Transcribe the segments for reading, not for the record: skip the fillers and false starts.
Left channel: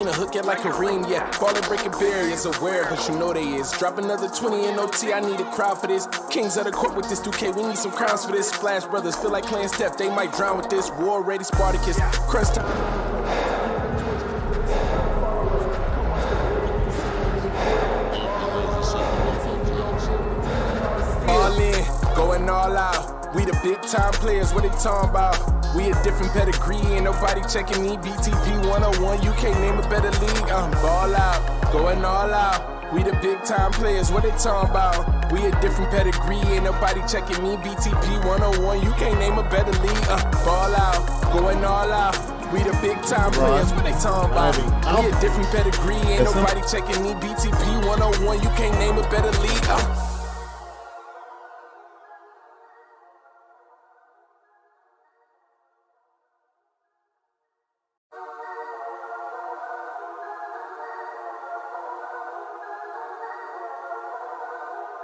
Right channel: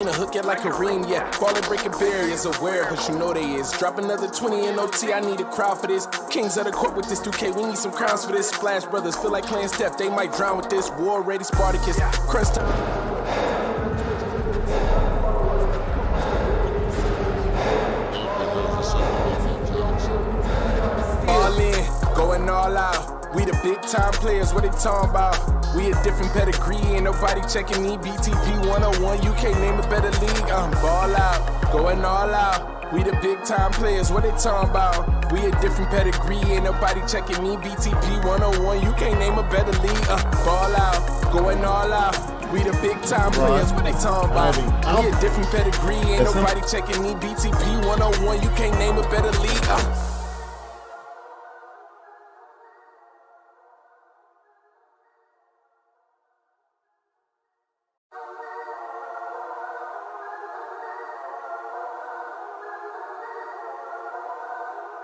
A hook it like Kareem, yeah. Ballin' breaking barriers, aware, but you know they is. Drop another 20 in OT, I need a crowd for this. Kings of the court with this 2K, we need some crowns for this. Splash Brothers feel like playing Steph, they might drown with this. War ready, Spartacus, crunch time. All in, going all out. We the big time players, what they talking about? We a different pedigree, ain't nobody checking me. BTP 101, you can't name a better league. Ball out, going all out. We the big time players, what they talking about? We a different pedigree, ain't nobody checking me. BTP 101, you can't name a better league. Ball out, going all out. We the big time players, what they talking about? We a different pedigree, ain't nobody checking me. BTP 101, you can't name a better league.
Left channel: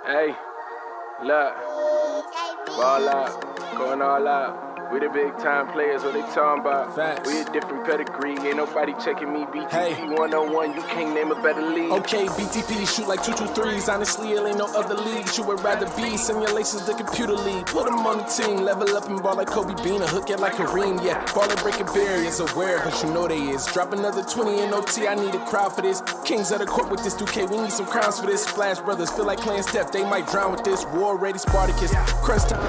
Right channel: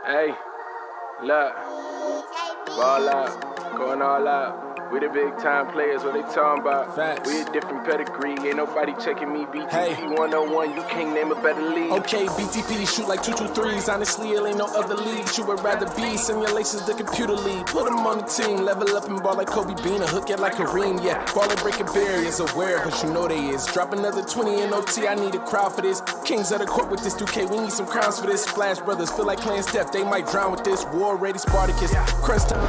Hey, look, ball out, going all out. We the big time players, what they talking about? Facts. We a different pedigree, ain't nobody checking me. BTP 101, you can't name a better league. Okay, BTP shoot like 223s. Honestly, it ain't no other league you would rather be. Simulations, the computer league. Put them on the team, level up and ball like Kobe Bean. A hook it like Kareem, yeah. Ballin' breaking barriers, aware, but you know they is. Drop another 20 in OT, I need a crowd for this. Kings of the court with this 2K, we need some crowns for this. Splash Brothers feel like playing Steph, they might drown with this. War ready, Spartacus, crunch time.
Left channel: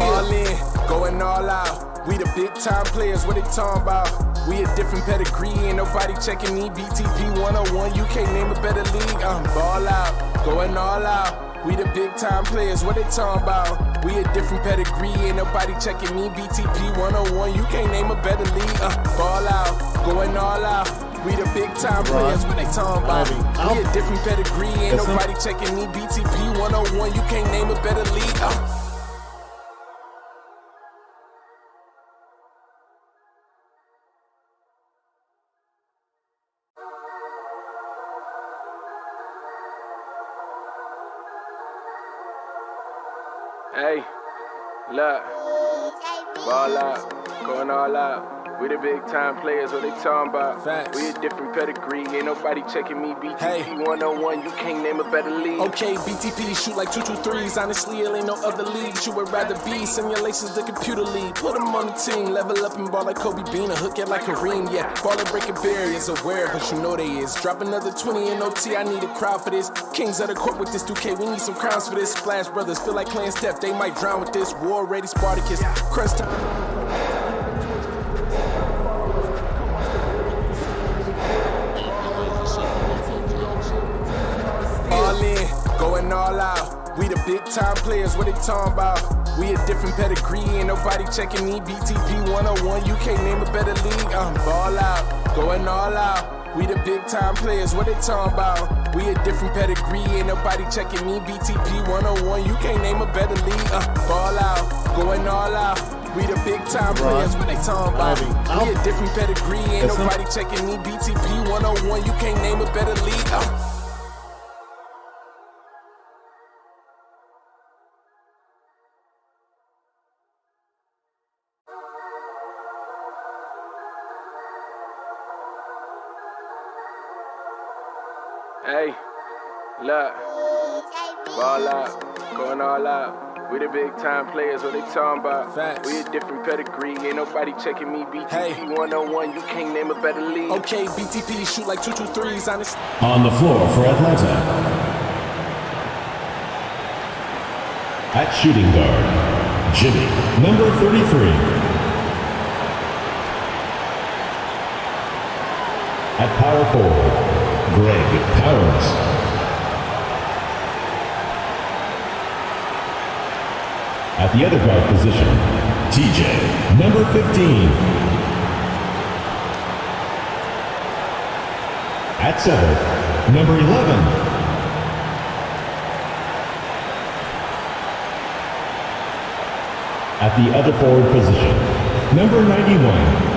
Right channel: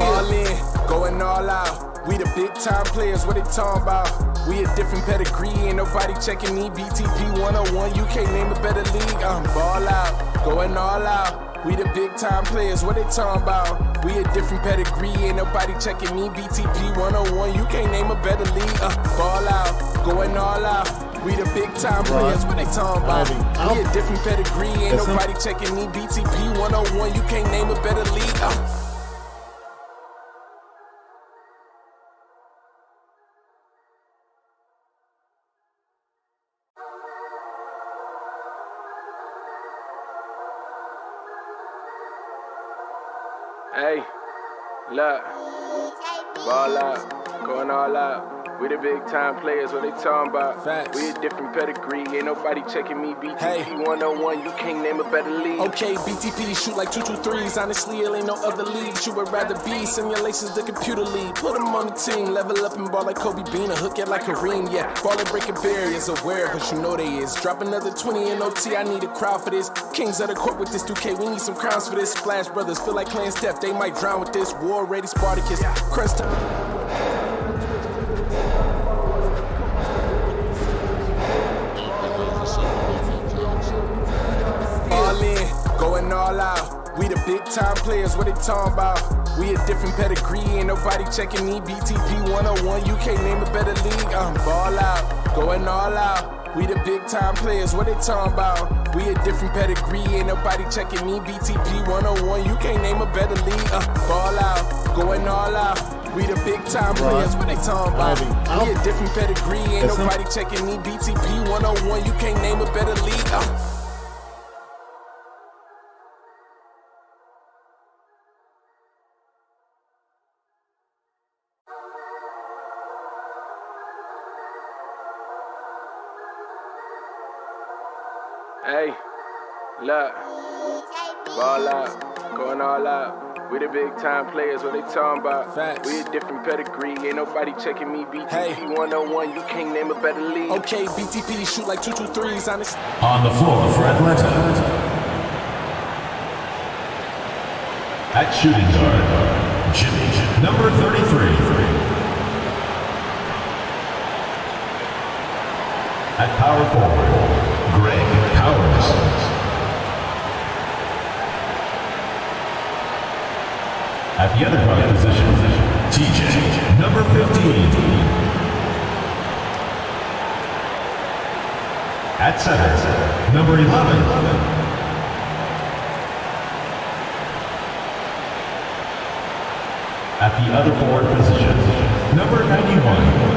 All in, going all out. We the big time players, what they talking about? We a different pedigree, ain't nobody checking me. BTP 101, you can't name a better league. Ball out, going all out. We the big time players, what they talking about? We a different pedigree, ain't nobody checking me. BTP 101, you can't name a better league. Ball out, going all out. We the big time players, what they talking about? We a different pedigree, ain't nobody checking me. BTP 101, you can't name a better league. Hey, look, ball out, going all out. We the big time players, what they talking about? Facts. We a different pedigree, ain't nobody checking me. BTP 101, you can't name a better league. Okay, BTP shoot like 223s. Honestly, it ain't no other league you would rather be. Simulations, the computer league. Put them on the team, level up and ball like Kobe Bean. A hook it like Kareem, yeah. Ballin' breaking barriers, aware, but you know they is. Drop another 20 in OT, I need a crowd for this. Kings of the court with this 2K, we need some crowns for this. Splash Brothers feel like playing Steph, they might drown with this. War ready, Spartacus, crunch time. All in, going all out. We the big time players, what they talking about? We a different pedigree, ain't nobody checking me. BTP 101, you can't name a better league. Ball out, going all out. We the big time players, what they talking about? We a different pedigree, ain't nobody checking me. BTP 101, you can't name a better league. Ball out, going all out. We the big time players, what they talking about? We a different pedigree, ain't nobody checking me. BTP 101, you can't name a better league. Hey, look, ball out, going all out. We the big time players, what they talking about? Facts. We a different pedigree, ain't nobody checking me. BTP 101, you can't name a better league. Okay, BTP shoot like 223s, honest. On the floor for Atlanta. At shooting guard, Jimmy, number 33. At power forward, Greg Powers. At the other guard position, TJ, number 15. At center, number 11. At the other forward position, number 91.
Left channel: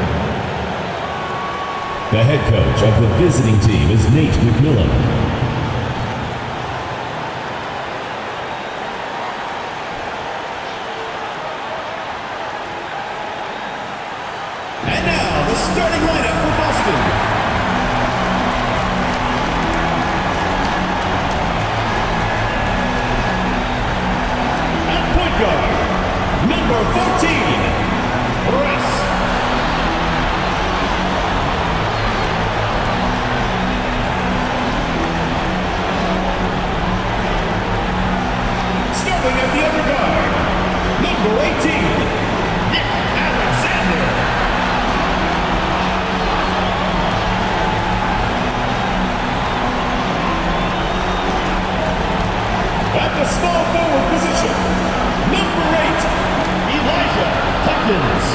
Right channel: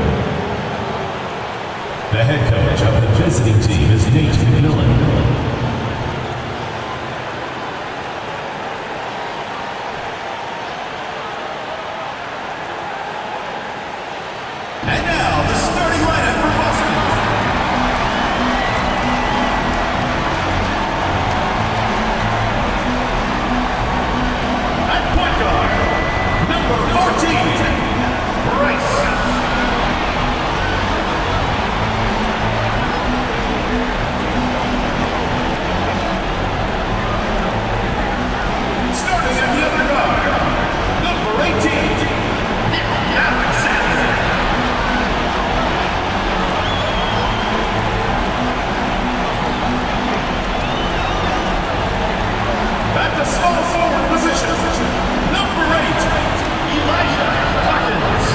The head coach of the visiting team is Nate McMillan. And now, the starting lineup for Boston. At point guard, number 14, Bryce. Starting at the other guard, number 18, Alexander. At the small forward position, number 8, Elijah Hawkins.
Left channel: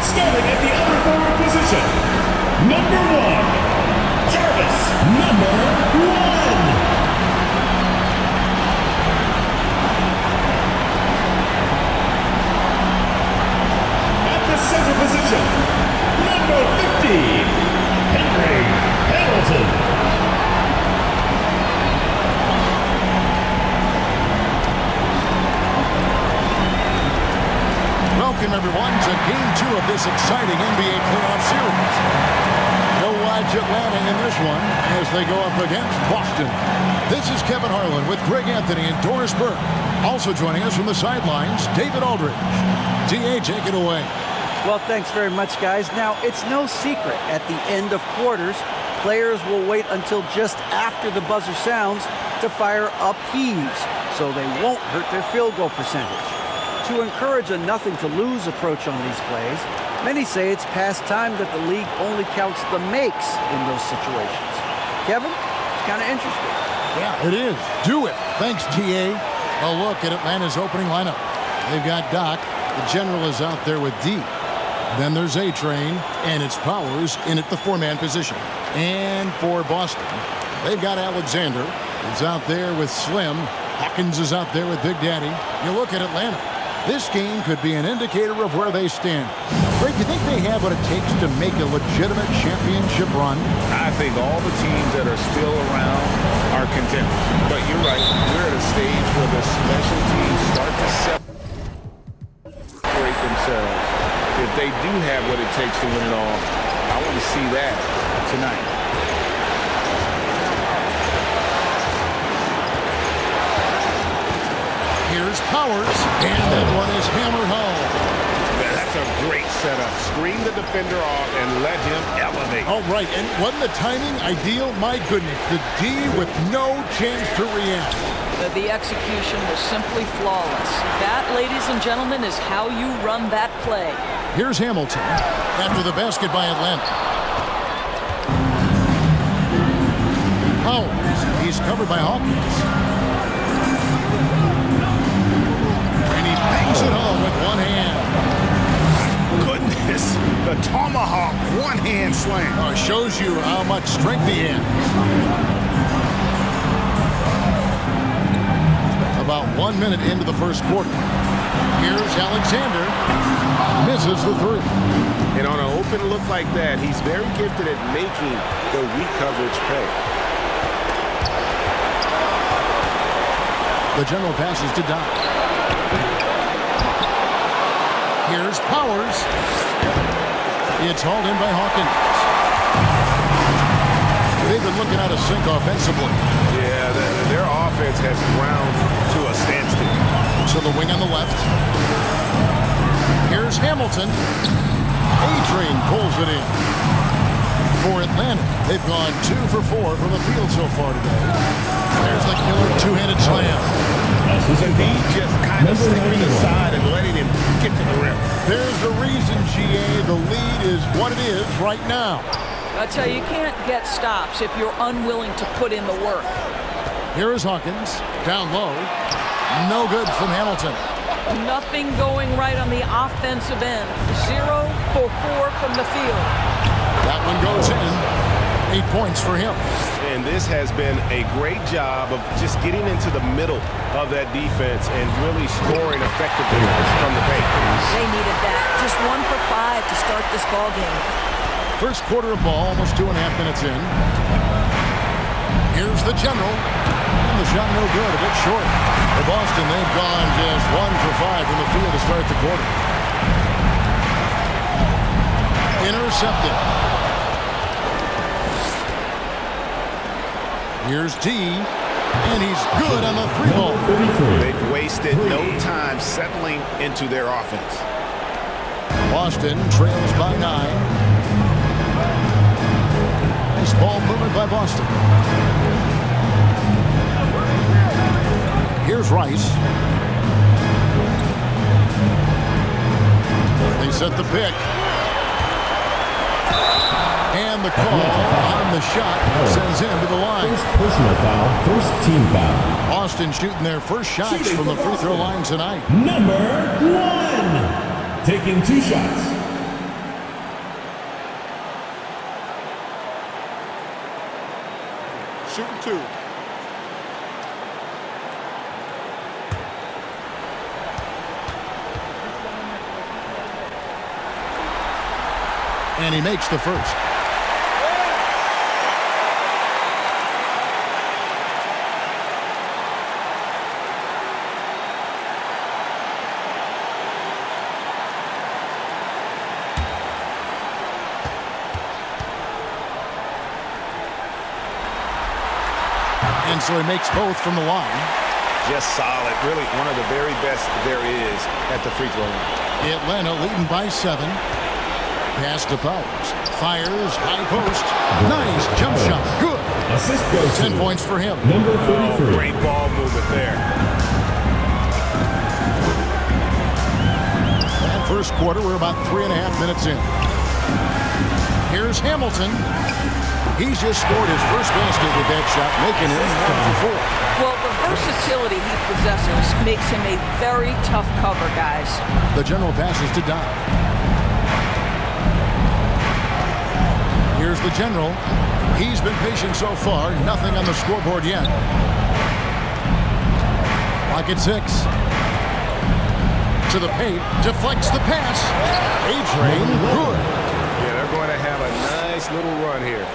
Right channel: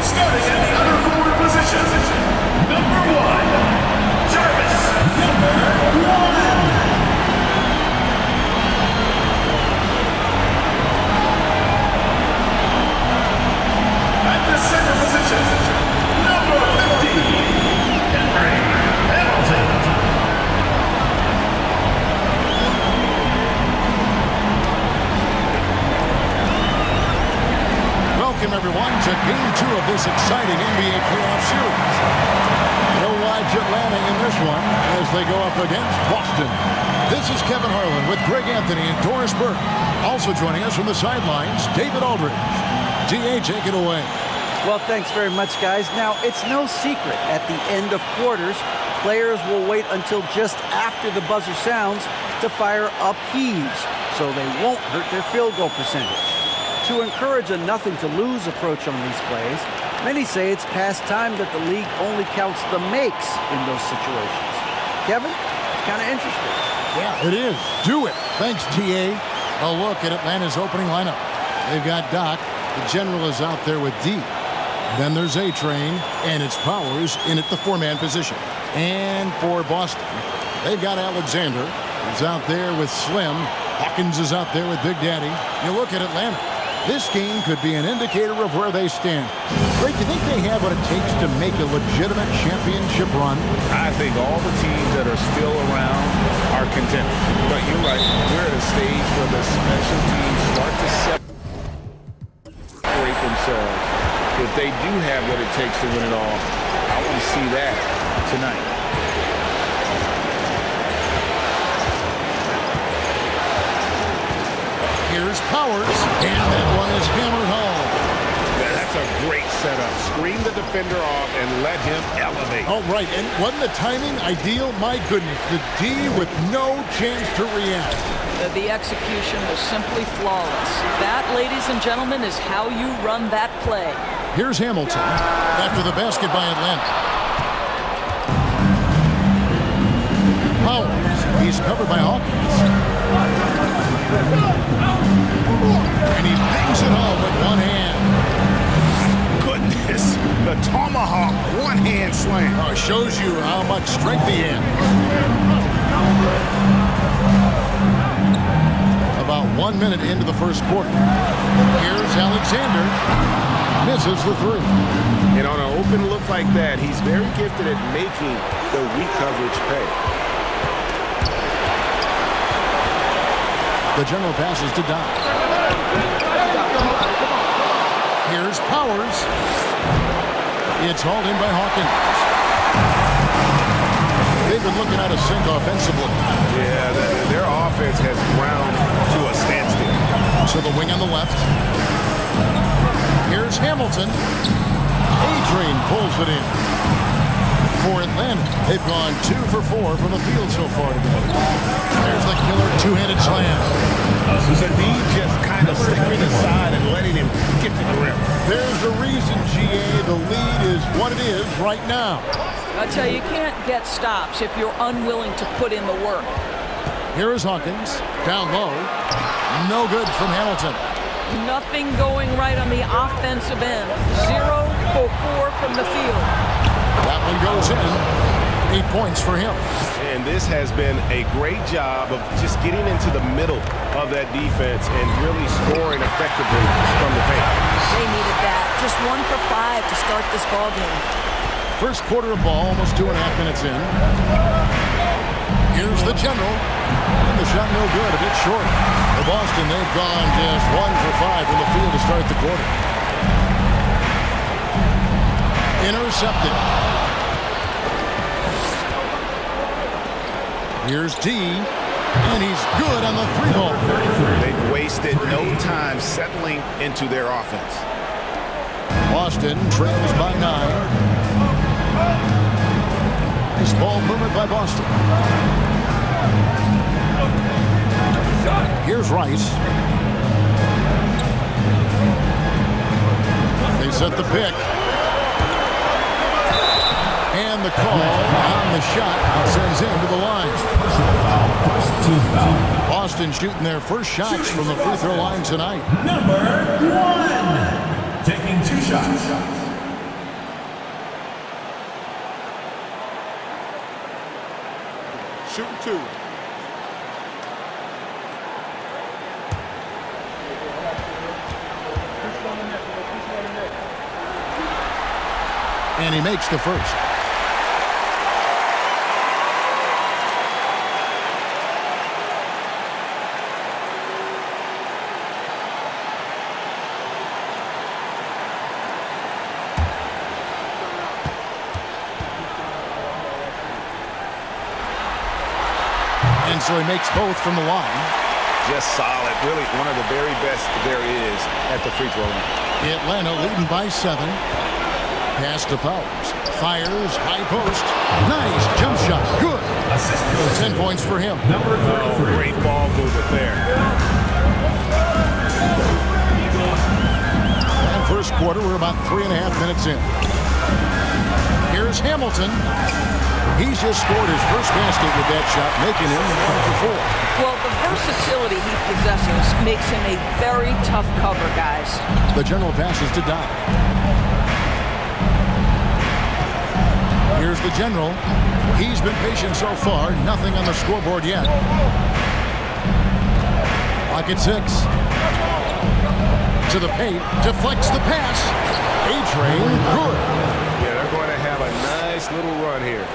Starting at the other forward position, number 1, Jarvis. Number 1. At the center position, number 50, Henry Hamilton. Welcome, everyone, to Game 2 of this exciting NBA playoff series. No watch Atlanta in this one as they go up against Boston. This is Kevin Harlan with Greg Anthony and Doris Burke. Also joining us from the sidelines, David Aldridge. DA, take it away. Well, thanks very much, guys. Now, it's no secret at the end of quarters, players will wait until just after the buzzer sounds to fire up heaves, so they won't hurt their field goal percentage. To encourage a nothing-to-lose approach on these plays, many say it's past time that the league only counts the makes in those situations. Kevin, it's kind of interesting. Yeah, it is. Do it. Thanks, TA. A look at Atlanta's opening lineup. They've got Doc. The general is out there with D. Then there's A-Train, and it's Powers in at the four-man position. And for Boston, they've got Alexander, who's out there with Slim. Hawkins is out there with Big Daddy. You look at Atlanta. This game could be an indicator of where they stand. Greg, do you think they have what it takes to make a legitimate championship run? I think all the teams that are still around are contenders. But you're right, we're at a stage where the special teams start to separate themselves. If they do have what it takes to win it all, I want to see that tonight. Here's Powers, and that one is hammered home. That's a great setup. Screen the defender off and let him elevate. All right, and wasn't the timing ideal? My goodness, the D with no chance to react. The execution was simply flawless. That, ladies and gentlemen, is how you run that play. Here's Hamilton after the basket by Atlanta. Powers, he's covered by Hawkins. And he bangs it home with one hand. Goodness, the tomahawk one-hand slam. Oh, shows you how much strength he has. About 1 minute into the first quarter. Here's Alexander. Misses the three. And on an open look like that, he's very gifted at making the weak coverage pay. The general passes to Doc. Here's Powers. It's hauled in by Hawkins. They've been looking at a sink offensively. Yeah, their offense has ground to a standstill. So the wing on the left. Here's Hamilton. A-Train pulls it in. For Atlanta, they've gone 2 for 4 from the field so far today. There's the killer two-handed slam. Indeed, just kind of stepping aside and letting him get to the rim. There's a reason, GA, the lead is what it is right now. I tell you, you can't get stops if you're unwilling to put in the work. Here is Hawkins, down low. No good from Hamilton. Nothing going right on the offensive end. 0 for 4 from the field. That one goes in. 8 points for him. And this has been a great job of just getting into the middle of that defense and really scoring effectively from the paint. They needed that. Just 1 for 5 to start this ball game. First quarter of ball, almost 2.5 minutes in. Here's the general. And the shot no good, a bit short. For Boston, they've gone just 1 for 5 from the field to start the quarter. Intercepted. Here's D, and he's good on the 3-ball. They've wasted no time settling into their offense. Boston trails by 9. Nice ball movement by Boston. Here's Rice. They set the pick. And the call on the shot sends him to the line. Personal foul, first team foul. Boston shooting their first shots from the free throw line tonight. Number 1, taking 2 shots. Shooting 2. And he makes the first. And so he makes both from the line. Just solid. Really one of the very best there is at the free throw line. Atlanta leading by 7. Pass to Powers. Fires, high post. Nice jump shot. Good. Assist goes 10 to points for him. number 33. Great ball movement there. And first quarter, we're about 3.5 minutes in. Here's Hamilton. He's just scored his first basket with that shot, making him 1 for 4. Well, the versatility he possesses makes him a very tough cover, guys. The general passes to Doc. Here's the general. He's been patient so far. Nothing on the scoreboard yet. Clock at 6. To the paint. Deflects the pass. A-Train. Good. Yeah, they're going to have a nice little run here.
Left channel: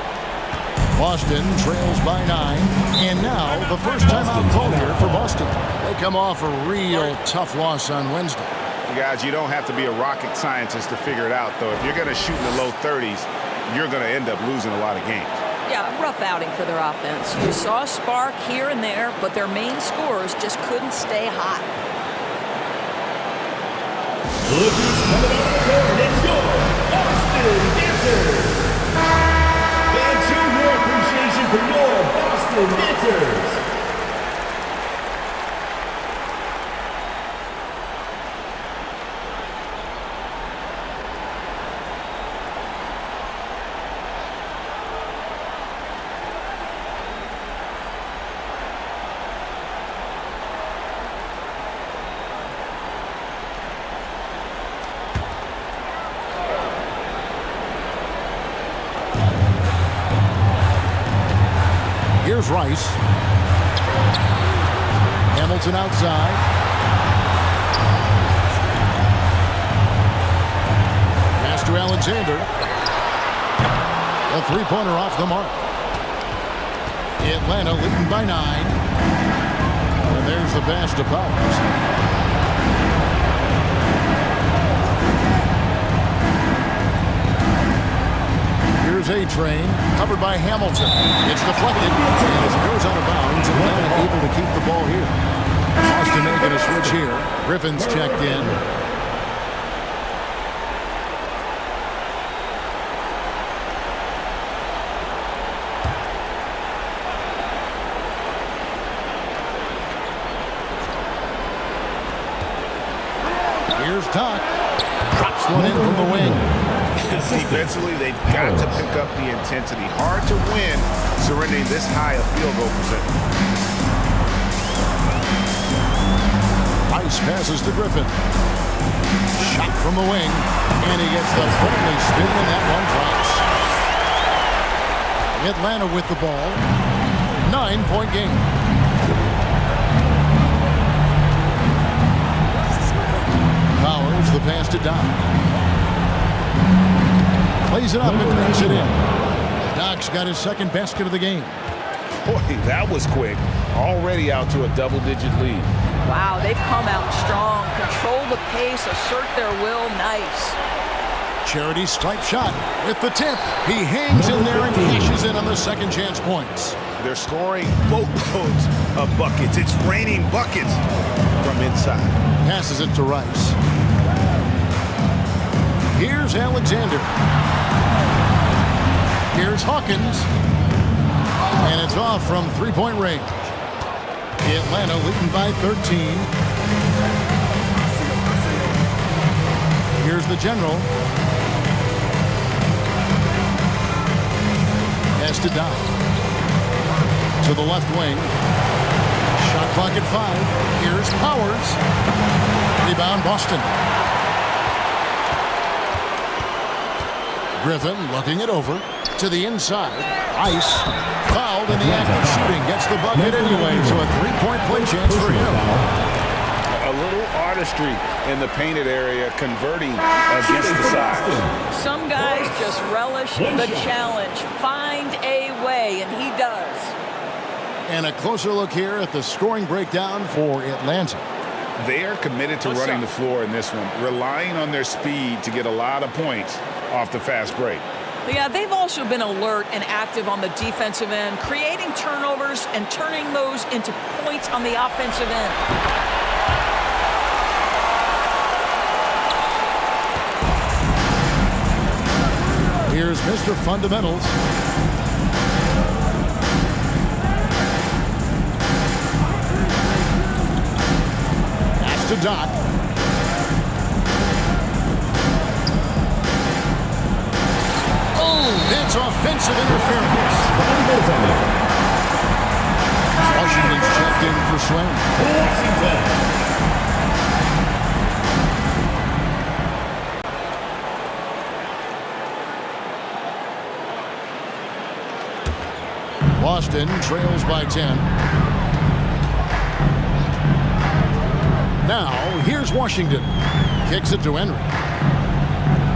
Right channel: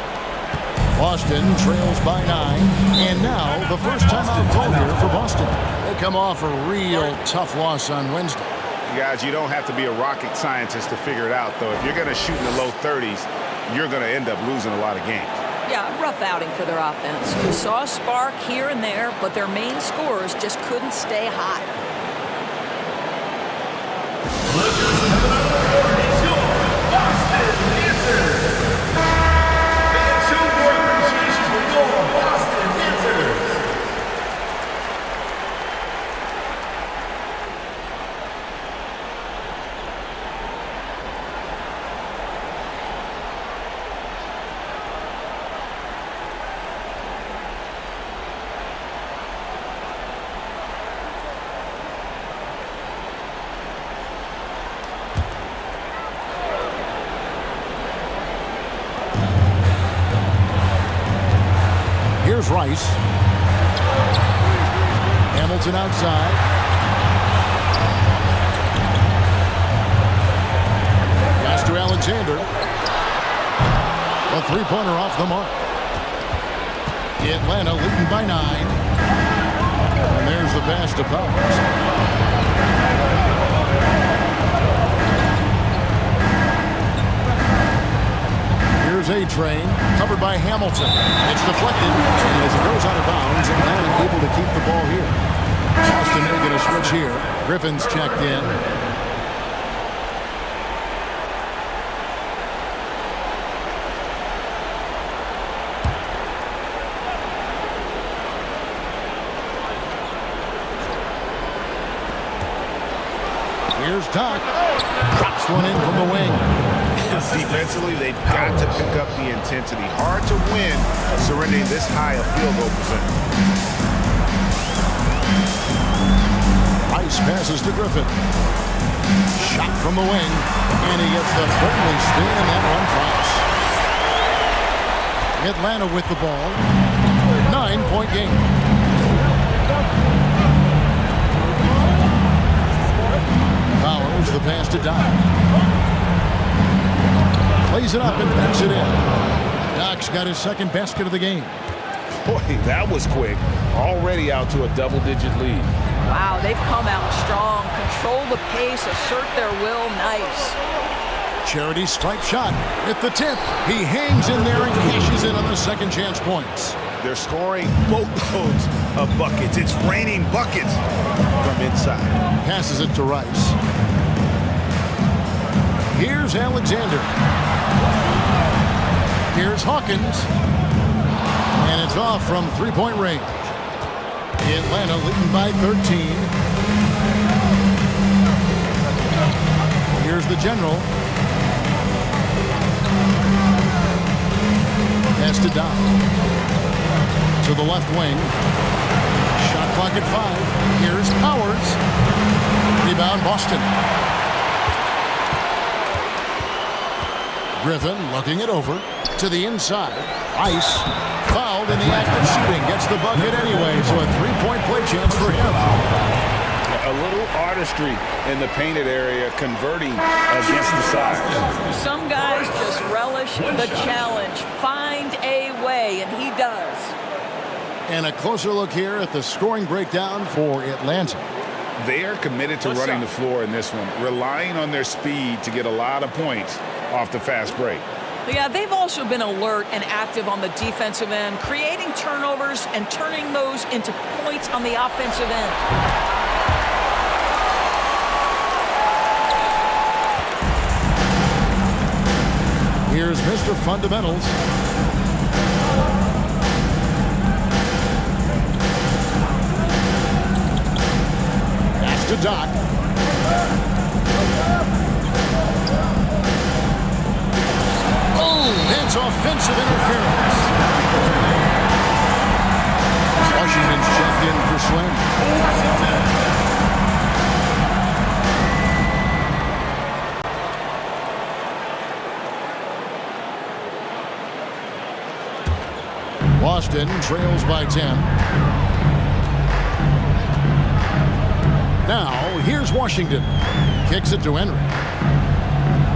Boston trails by 9. And now the first timeout called here for Boston. They come off a real tough loss on Wednesday. Guys, you don't have to be a rocket scientist to figure it out, though. If you're going to shoot in the low 30s, you're going to end up losing a lot of games. Yeah, rough outing for their offense. You saw a spark here and there, but their main scorers just couldn't stay hot. Look who's coming on the board. It's your Boston Dancers. And 2 more appreciation for your Boston Dancers. Here's Rice. Hamilton outside. Pass to Alexander. A 3-pointer off the mark. Atlanta leading by 9. And there's the pass to Powers. Here's A-Train, covered by Hamilton. It's deflected, and as it goes out of bounds, Atlanta able to keep the ball here. Boston making a switch here. Griffin's checked in. Here's Doc. Drops one in from the wing. Defensively, they've got to pick up the intensity. Hard to win surrendering this high a field goal percentage. Rice passes to Griffin. Shot from the wing, and he gets the friendly spin, and that one drops. Atlanta with the ball. 9-point game. Powers the pass to Doc. Plays it up and banks it in. Doc's got his second basket of the game. Boy, that was quick. Already out to a double-digit lead. Wow, they've come out strong. Control the pace, assert their will. Nice. Charity stripe shot with the tip. He hangs in there and cashes in on the second chance points. They're scoring boatloads of buckets. It's raining buckets from inside. Passes it to Rice. Here's Alexander. Here's Hawkins. And it's off from three-point range. Atlanta leading by 13. Here's the general. Has to Doc. To the left wing. Shot clock at 5. Here's Powers. Rebound Boston. Griffin looking it over to the inside. Ice fouled in the act of shooting. Gets the bucket anyway, so a three-point play chance for him. A little artistry in the painted area, converting against the size. Some guys just relish the challenge. Find a way, and he does. And a closer look here at the scoring breakdown for Atlanta. They are committed to running the floor in this one, relying on their speed to get a lot of points off the fast break. Yeah, they've also been alert and active on the defensive end, creating turnovers and turning those into points on the offensive end. Here's Mr. Fundamentals. Pass to Doc. Oh, that's offensive interference. Washington's checked in for Swim. Boston trails by 10. Now, here's Washington. Kicks it to Henry.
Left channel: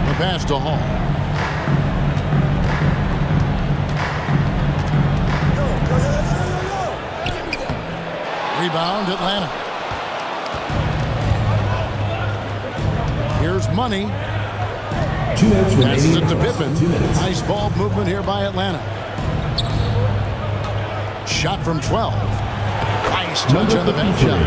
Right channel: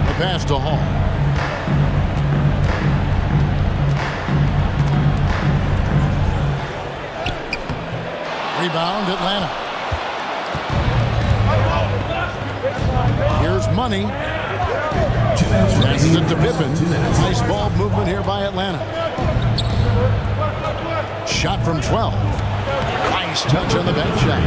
The pass to Hall. Rebound, Atlanta. Here's Money. Passes it to Pippen. Nice ball movement here by Atlanta. Shot from 12. Nice touch on the bank shot.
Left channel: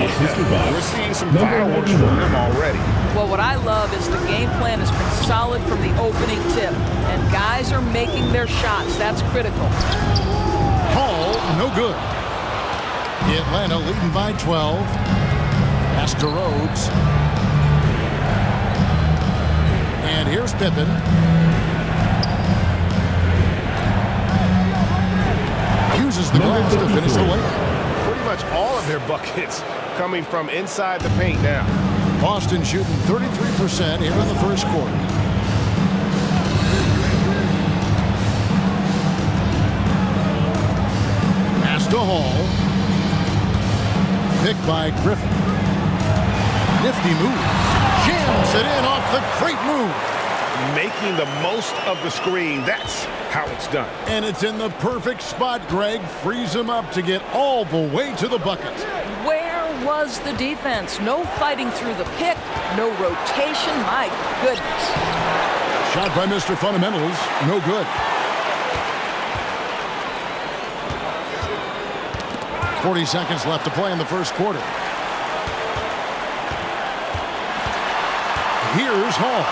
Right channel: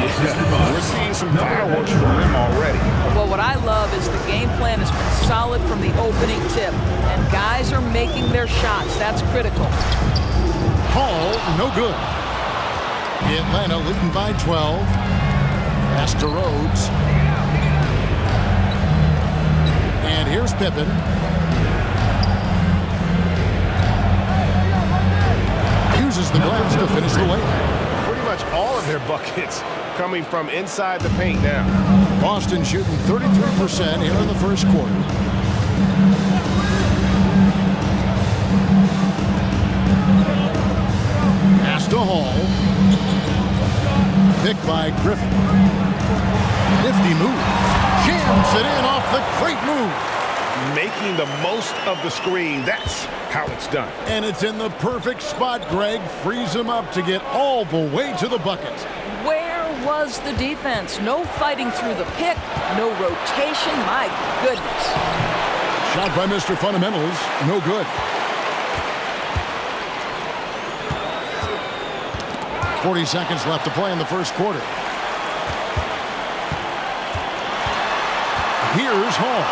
Yeah, we're seeing some fireworks from them already. Well, what I love is the game plan has been solid from the opening tip, and guys are making their shots. That's critical. Hall, no good. Atlanta leading by 12. Pass to Rhodes. And here's Pippen. Uses the glass to finish the layup. Pretty much all of their buckets coming from inside the paint now. Boston shooting 33% here in the first quarter. Pass to Hall. Picked by Griffin. Nifty move. Jams it in off the great move. Making the most of the screen. That's how it's done. And it's in the perfect spot, Greg. Frees him up to get all the way to the bucket. Where was the defense? No fighting through the pick, no rotation. My goodness. Shot by Mr. Fundamentals. No good. 40 seconds left to play in the first quarter. Here's Hall.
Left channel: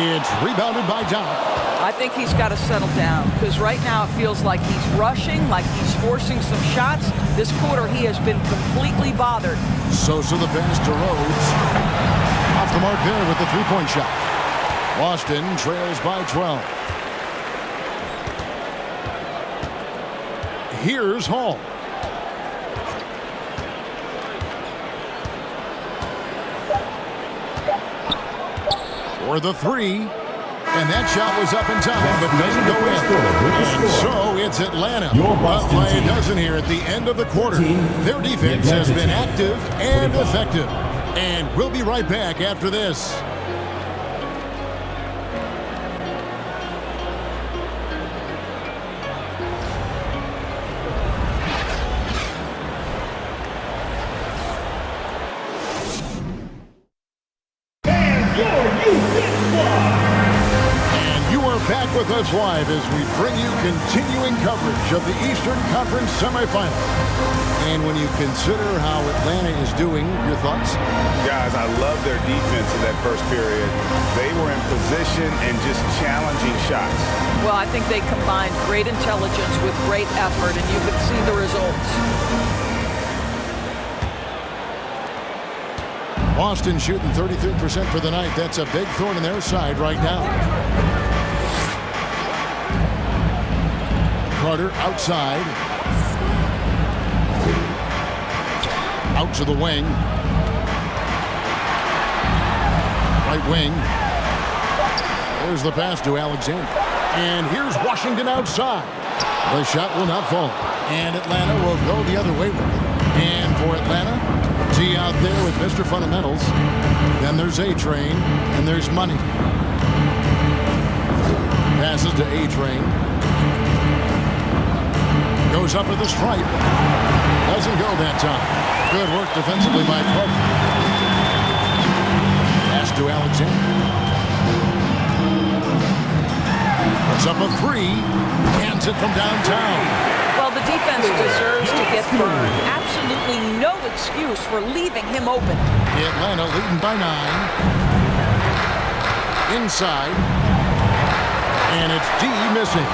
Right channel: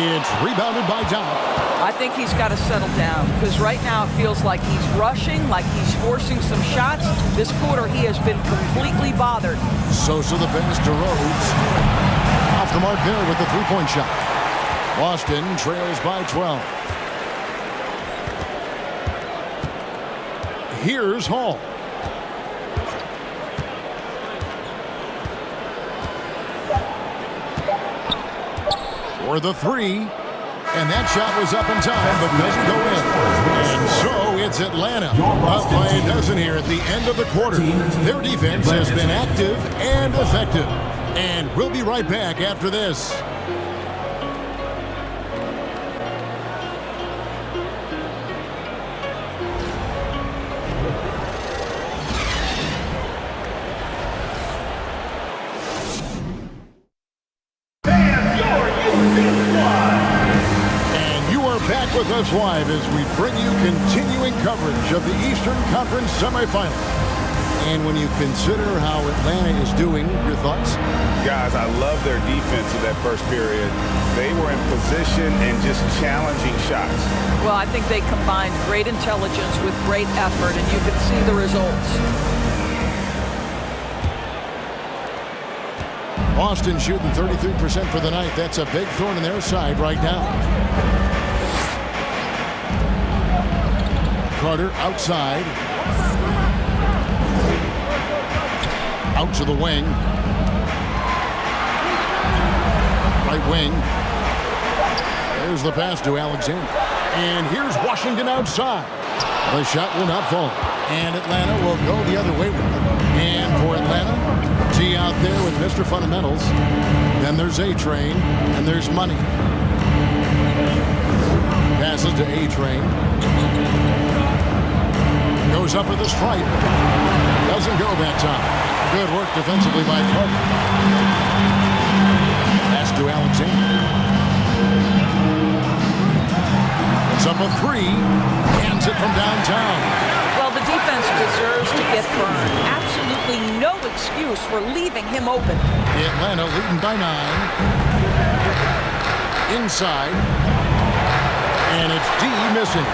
It's rebounded by Doc. I think he's got to settle down because right now it feels like he's rushing, like he's forcing some shots. This quarter he has been completely bothered. Sosa the pass to Rhodes. Off the mark there with the three-point shot. Boston trails by 12. Here's Hall. For the three. And that shot was up in time, but doesn't go in. And so it's Atlanta up by a dozen here at the end of the quarter. Their defense has been active and effective. And we'll be right back after this. with us live as we bring you continuing coverage of the Eastern Conference semifinals. And when you consider how Atlanta is doing, your thoughts? Guys, I love their defense in that first period. They were in position and just challenging shots. Well, I think they combined great intelligence with great effort, and you could see the results. Boston shooting 33% for the night. That's a big thorn in their side right now. Carter outside. Out to the wing. Right wing. There's the pass to Alexander. And here's Washington outside. The shot will not fall. And Atlanta will go the other way with it. And for Atlanta, T out there with Mr. Fundamentals. Then there's A-Train, and there's Money. Passes to A-Train. Goes up at the stripe. Doesn't go that time. Good work defensively by Carter. Pass to Alexander. It's up a three. Hands it from downtown. Well, the defense deserves to get burned. Absolutely no excuse for leaving him open. Atlanta leading by 9. Inside. And it's D missing.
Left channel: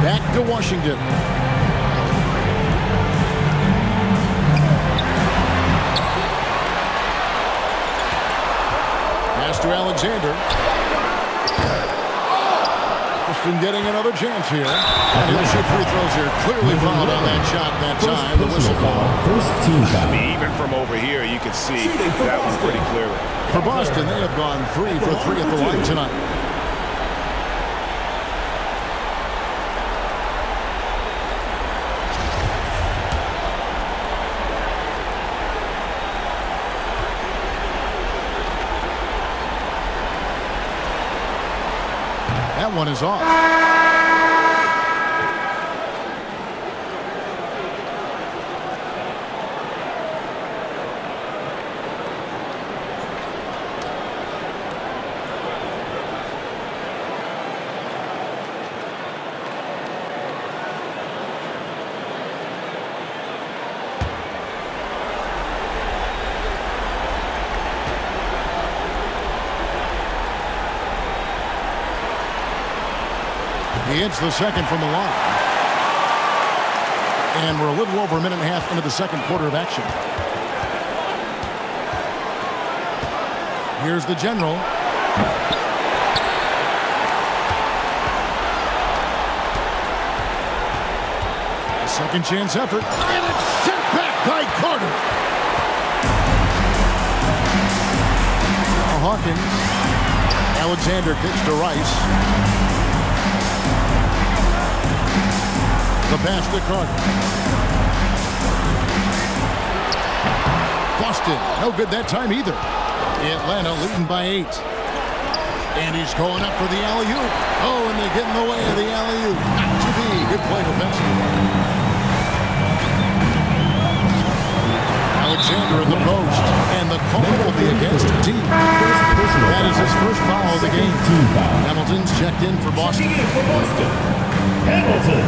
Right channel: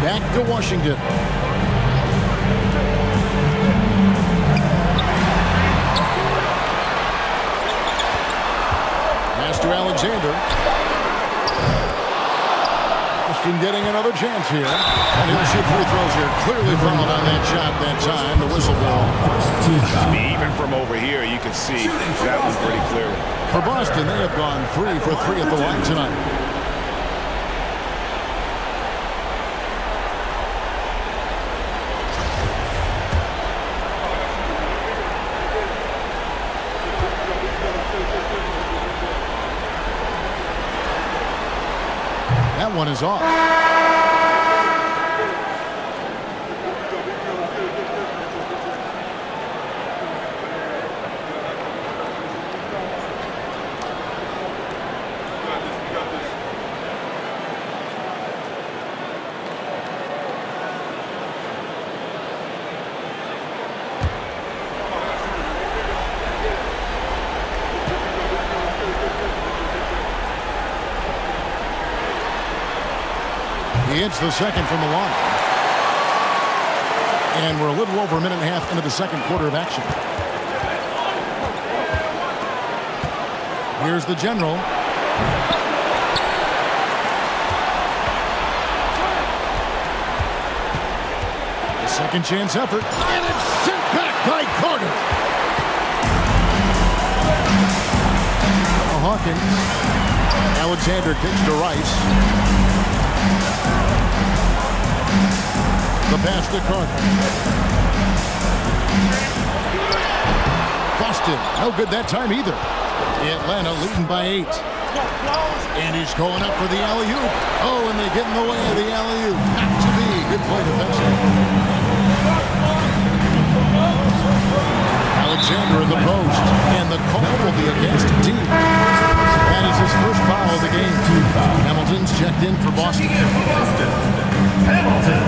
Back to Washington. Pass to Alexander. Boston getting another chance here. And he'll shoot free throws here. Clearly fouled on that shot that time. The whistle blown. Even from over here, you can see that one pretty clearly. For Boston, they have gone 3 for 3 at the line tonight. That one is off. He hits the second from the line. And we're a little over a minute and a half into the second quarter of action. Here's the general. A second chance effort. And it's sent back by Carter. Now Hawkins. Alexander kicks to Rice. The pass to Carter. Boston, no good that time either. Atlanta leading by 8. And he's going up for the alley-oop. Oh, and they get in the way of the alley-oop. Not to be. Good play defensively. Alexander in the post. And the call will be against D. That is his first foul of the game. Hamilton's checked in for Boston. Hamilton.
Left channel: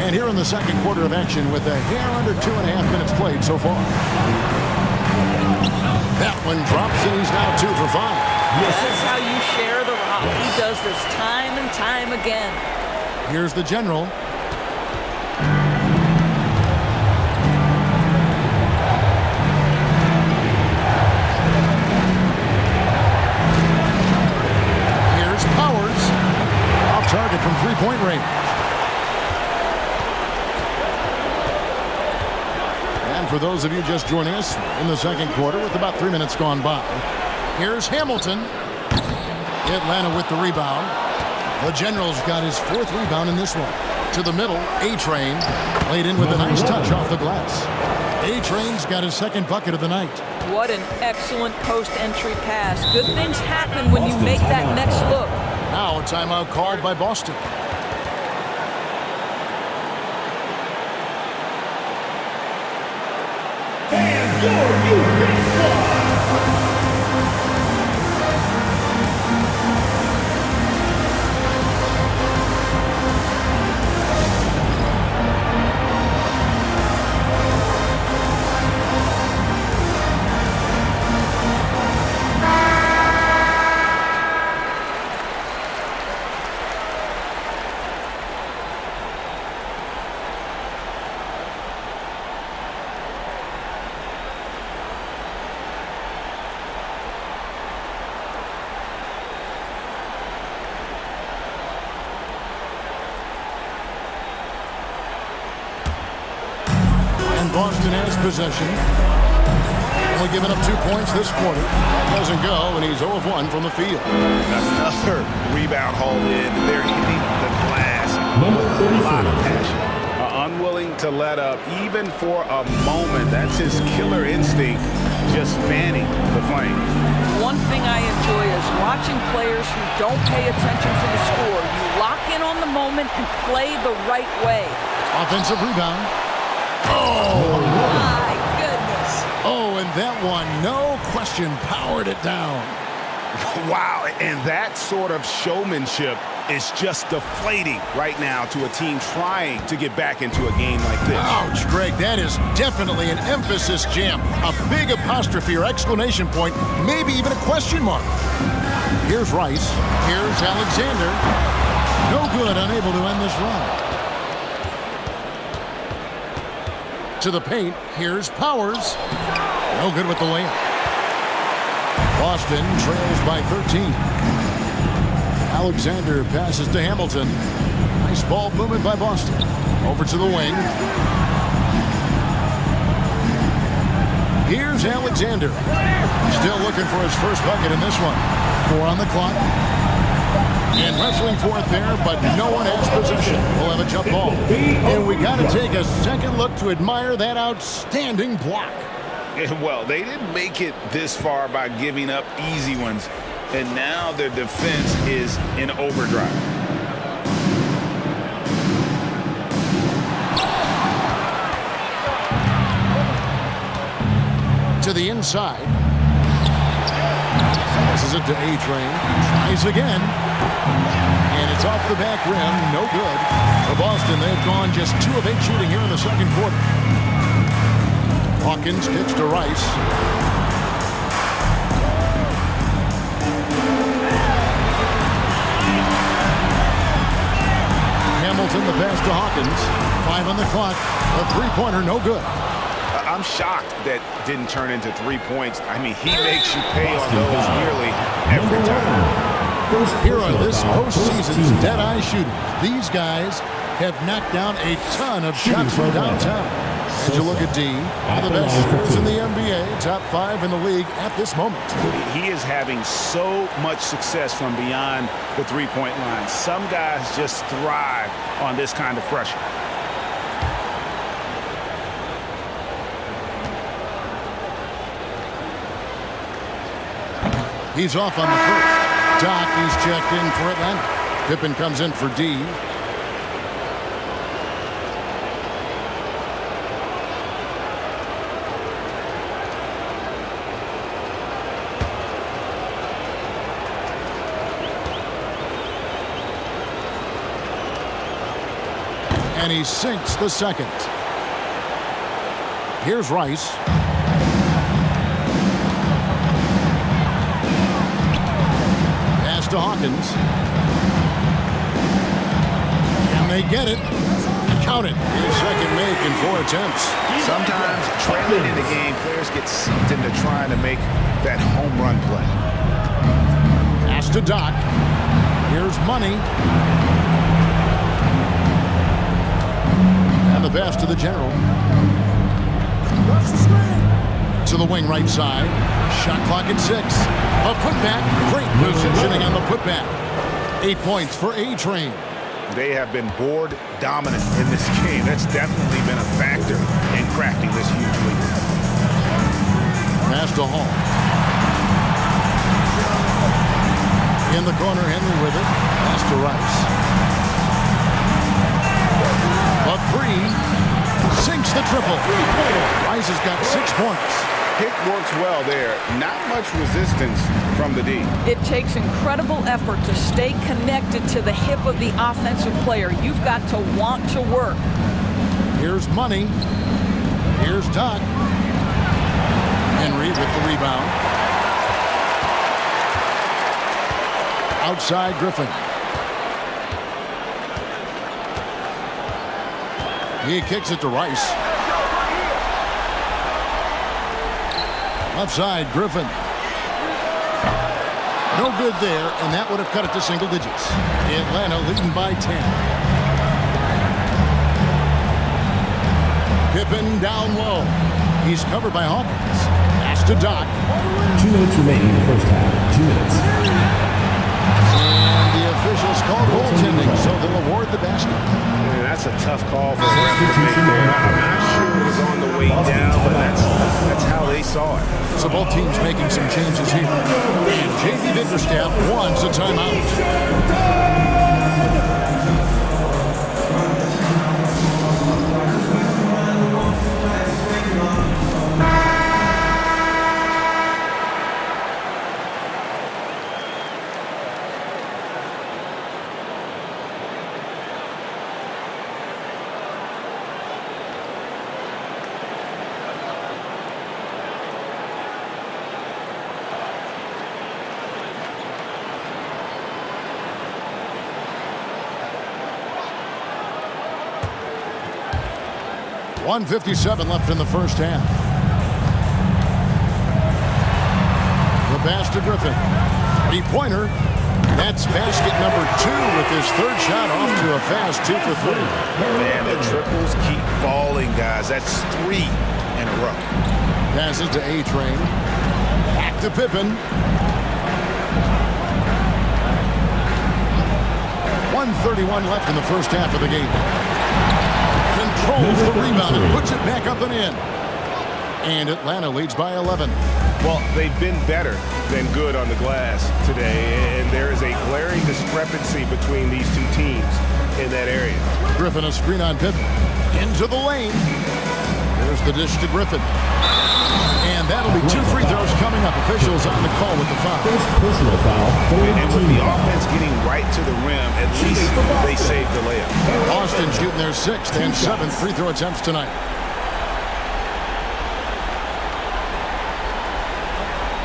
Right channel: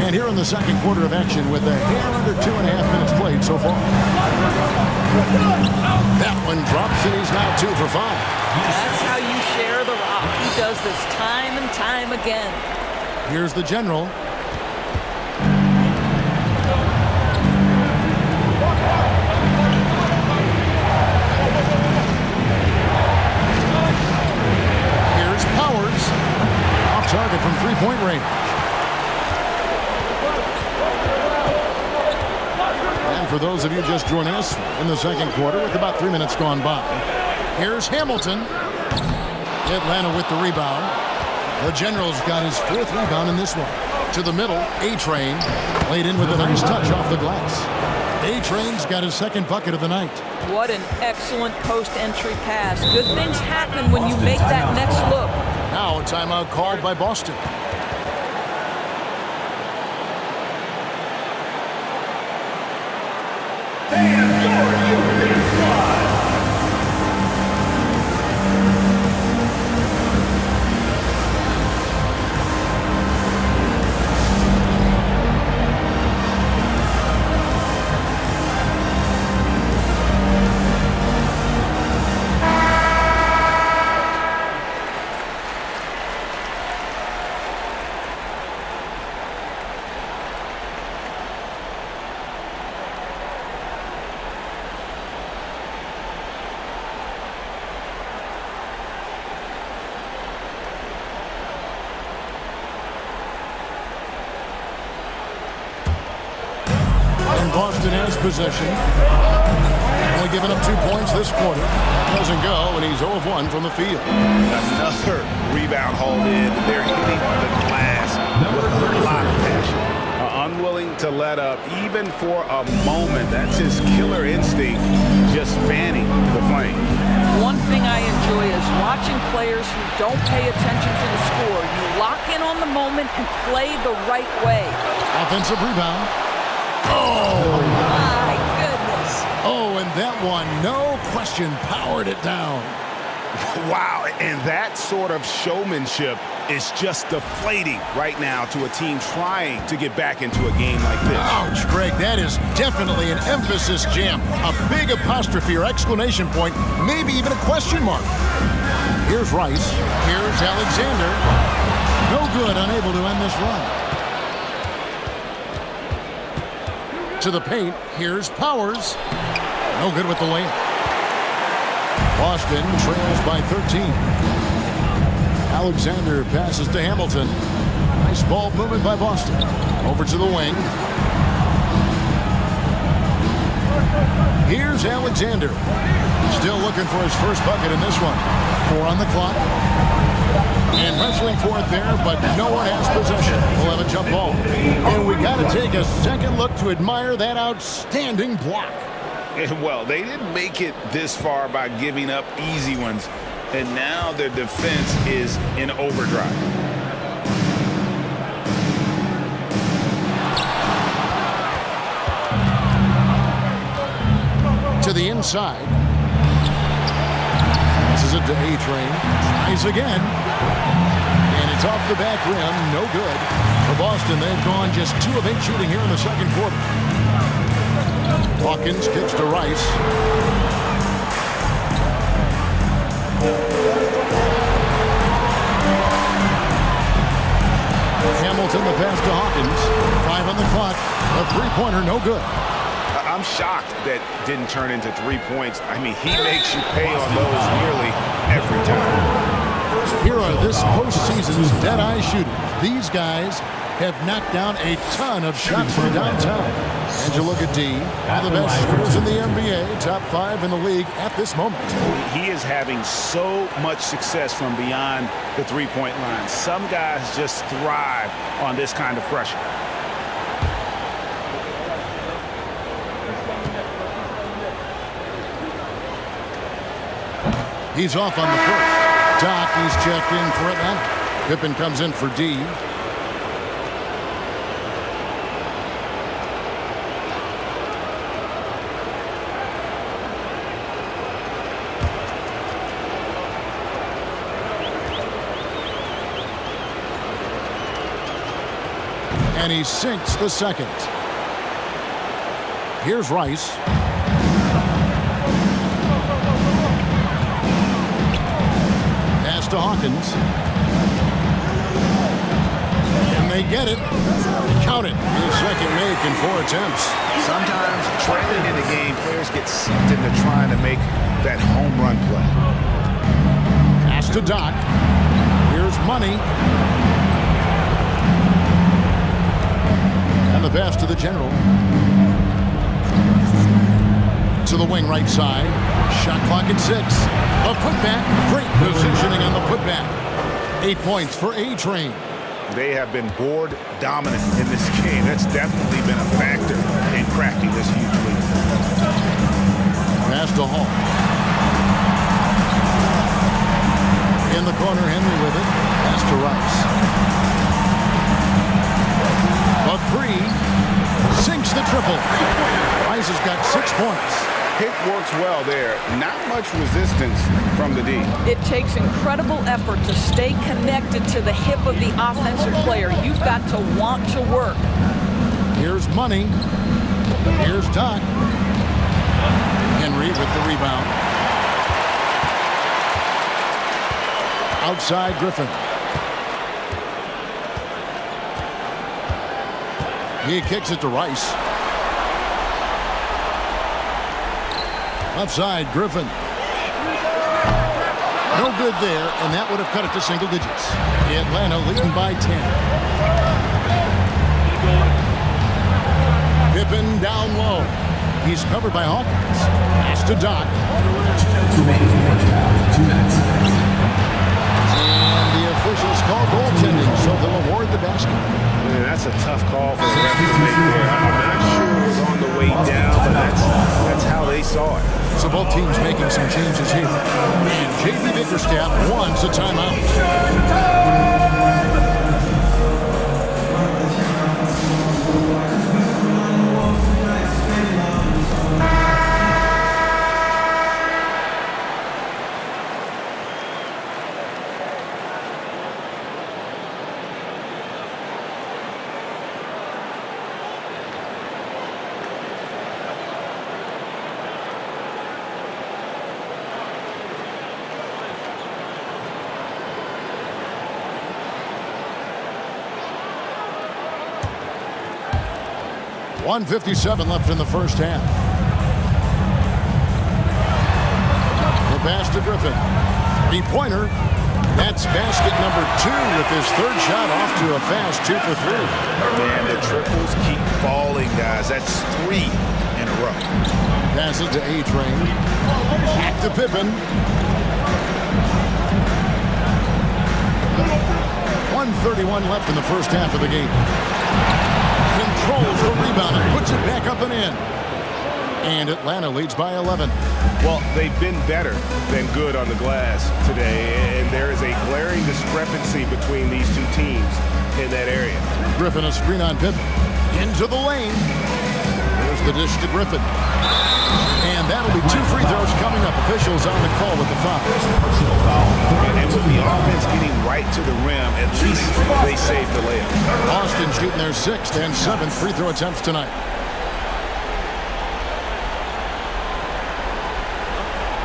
And here in the second quarter of action with a hair under 2.5 minutes played so far. That one drops and he's now 2 for 5. That's how you share the rock. He does this time and time again. Here's the general. Here's Powers. Off target from three-point range. For those of you just joining us in the second quarter with about 3 minutes gone by. Here's Hamilton. Atlanta with the rebound. The General's got his 4th rebound in this one. To the middle, A-Train laid in with a nice touch off the glass. A-Train's got his 2nd bucket of the night. What an excellent post-entry pass. Good things happen when you make that next look. Now a timeout called by Boston. and your Houston squad. And Boston has possession. Only given up 2 points this quarter. That doesn't go, and he's 0 of 1 from the field. Another rebound hauled in. They're hitting the glass with a lot of passion. Unwilling to let up, even for a moment. That's his killer instinct, just fanning the flame. One thing I enjoy is watching players who don't pay attention to the score. You lock in on the moment and play the right way. Offensive rebound. Oh, my goodness. Oh, and that one, no question, powered it down. Wow, and that sort of showmanship is just deflating right now to a team trying to get back into a game like this. Ouch, Greg, that is definitely an emphasis jam. A big apostrophe or exclamation point, maybe even a question mark. Here's Rice. Here's Alexander. No good, unable to end this run. To the paint, here's Powers. No good with the layup. Boston trails by 13. Alexander passes to Hamilton. Nice ball movement by Boston. Over to the wing. Here's Alexander. Still looking for his first bucket in this one. 4 on the clock. And wrestling for it there, but no one has possession. We'll have a jump ball. And we got to take a second look to admire that outstanding block. Well, they didn't make it this far by giving up easy ones, and now their defense is in overdrive. To the inside. Passes it to A-Train. Tries again. And it's off the back rim. No good. For Boston, they've gone just 2 of 8 shooting here in the second quarter. Hawkins kicks to Rice. Hamilton, the pass to Hawkins. 5 on the clock. A three-pointer, no good. I'm shocked that didn't turn into 3 points. I mean, he makes you pay on those nearly every time. Here are this postseason's dead-eye shooters. These guys have knocked down a ton of shots from downtown. And you look at D, one of the best shooters in the NBA, top 5 in the league at this moment. He is having so much success from beyond the three-point line. Some guys just thrive on this kind of pressure. He's off on the first. Doc, he's checked in for Atlanta. Pippen comes in for D. And he sinks the second. Here's Rice. Pass to Hawkins. And they get it. Count it. His second make in 4 attempts. Sometimes trailing in the game, players get sucked into trying to make that home run play. Pass to Doc. Here's Money. And the pass to the general. To the wing right side. Shot clock at 6. A putback. Great positioning on the putback. 8 points for A-Train. They have been board dominant in this game. That's definitely been a factor in crafting this huge lead. Pass to Hall. In the corner, Henry with it. Pass to Rice. A 3. Sinks the triple. Rice has got 6 points. Pick works well there. Not much resistance from the D. It takes incredible effort to stay connected to the hip of the offensive player. You've got to want to work. Here's Money. Here's Doc. Henry with the rebound. Outside Griffin. He kicks it to Rice. Left side, Griffin. No good there, and that would have cut it to single digits. Atlanta leading by 10. Pippen down low. He's covered by Hawkins. Pass to Doc. 2 minutes remaining in the first half. 2 minutes. And the officials call goaltending, so they'll award the basket. Man, that's a tough call for the ref to make there. I'm not sure it was on the way down, but that's how they saw it. So both teams making some changes here. And J.V. Bickerstaff wants a timeout. 1:57 left in the first half. The pass to Griffin. Three-pointer. That's basket number 2 with his third shot off to a fast 2 for 3. Man, the triples keep falling, guys. That's 3 in a row. Passes to A-Train. Back to Pippen. 1:31 left in the first half of the game. Controls the rebound and puts it back up and in. And Atlanta leads by 11. Well, they've been better than good on the glass today, and there is a glaring discrepancy between these two teams in that area. Griffin a screen on Pippen. Into the lane. There's the dish to Griffin. And that'll be 2 free throws coming up. Officials on the call with the foul. Personal foul. And with the offense getting right to the rim, at least they saved the layup. Boston shooting their 6th and 7th free throw attempts tonight.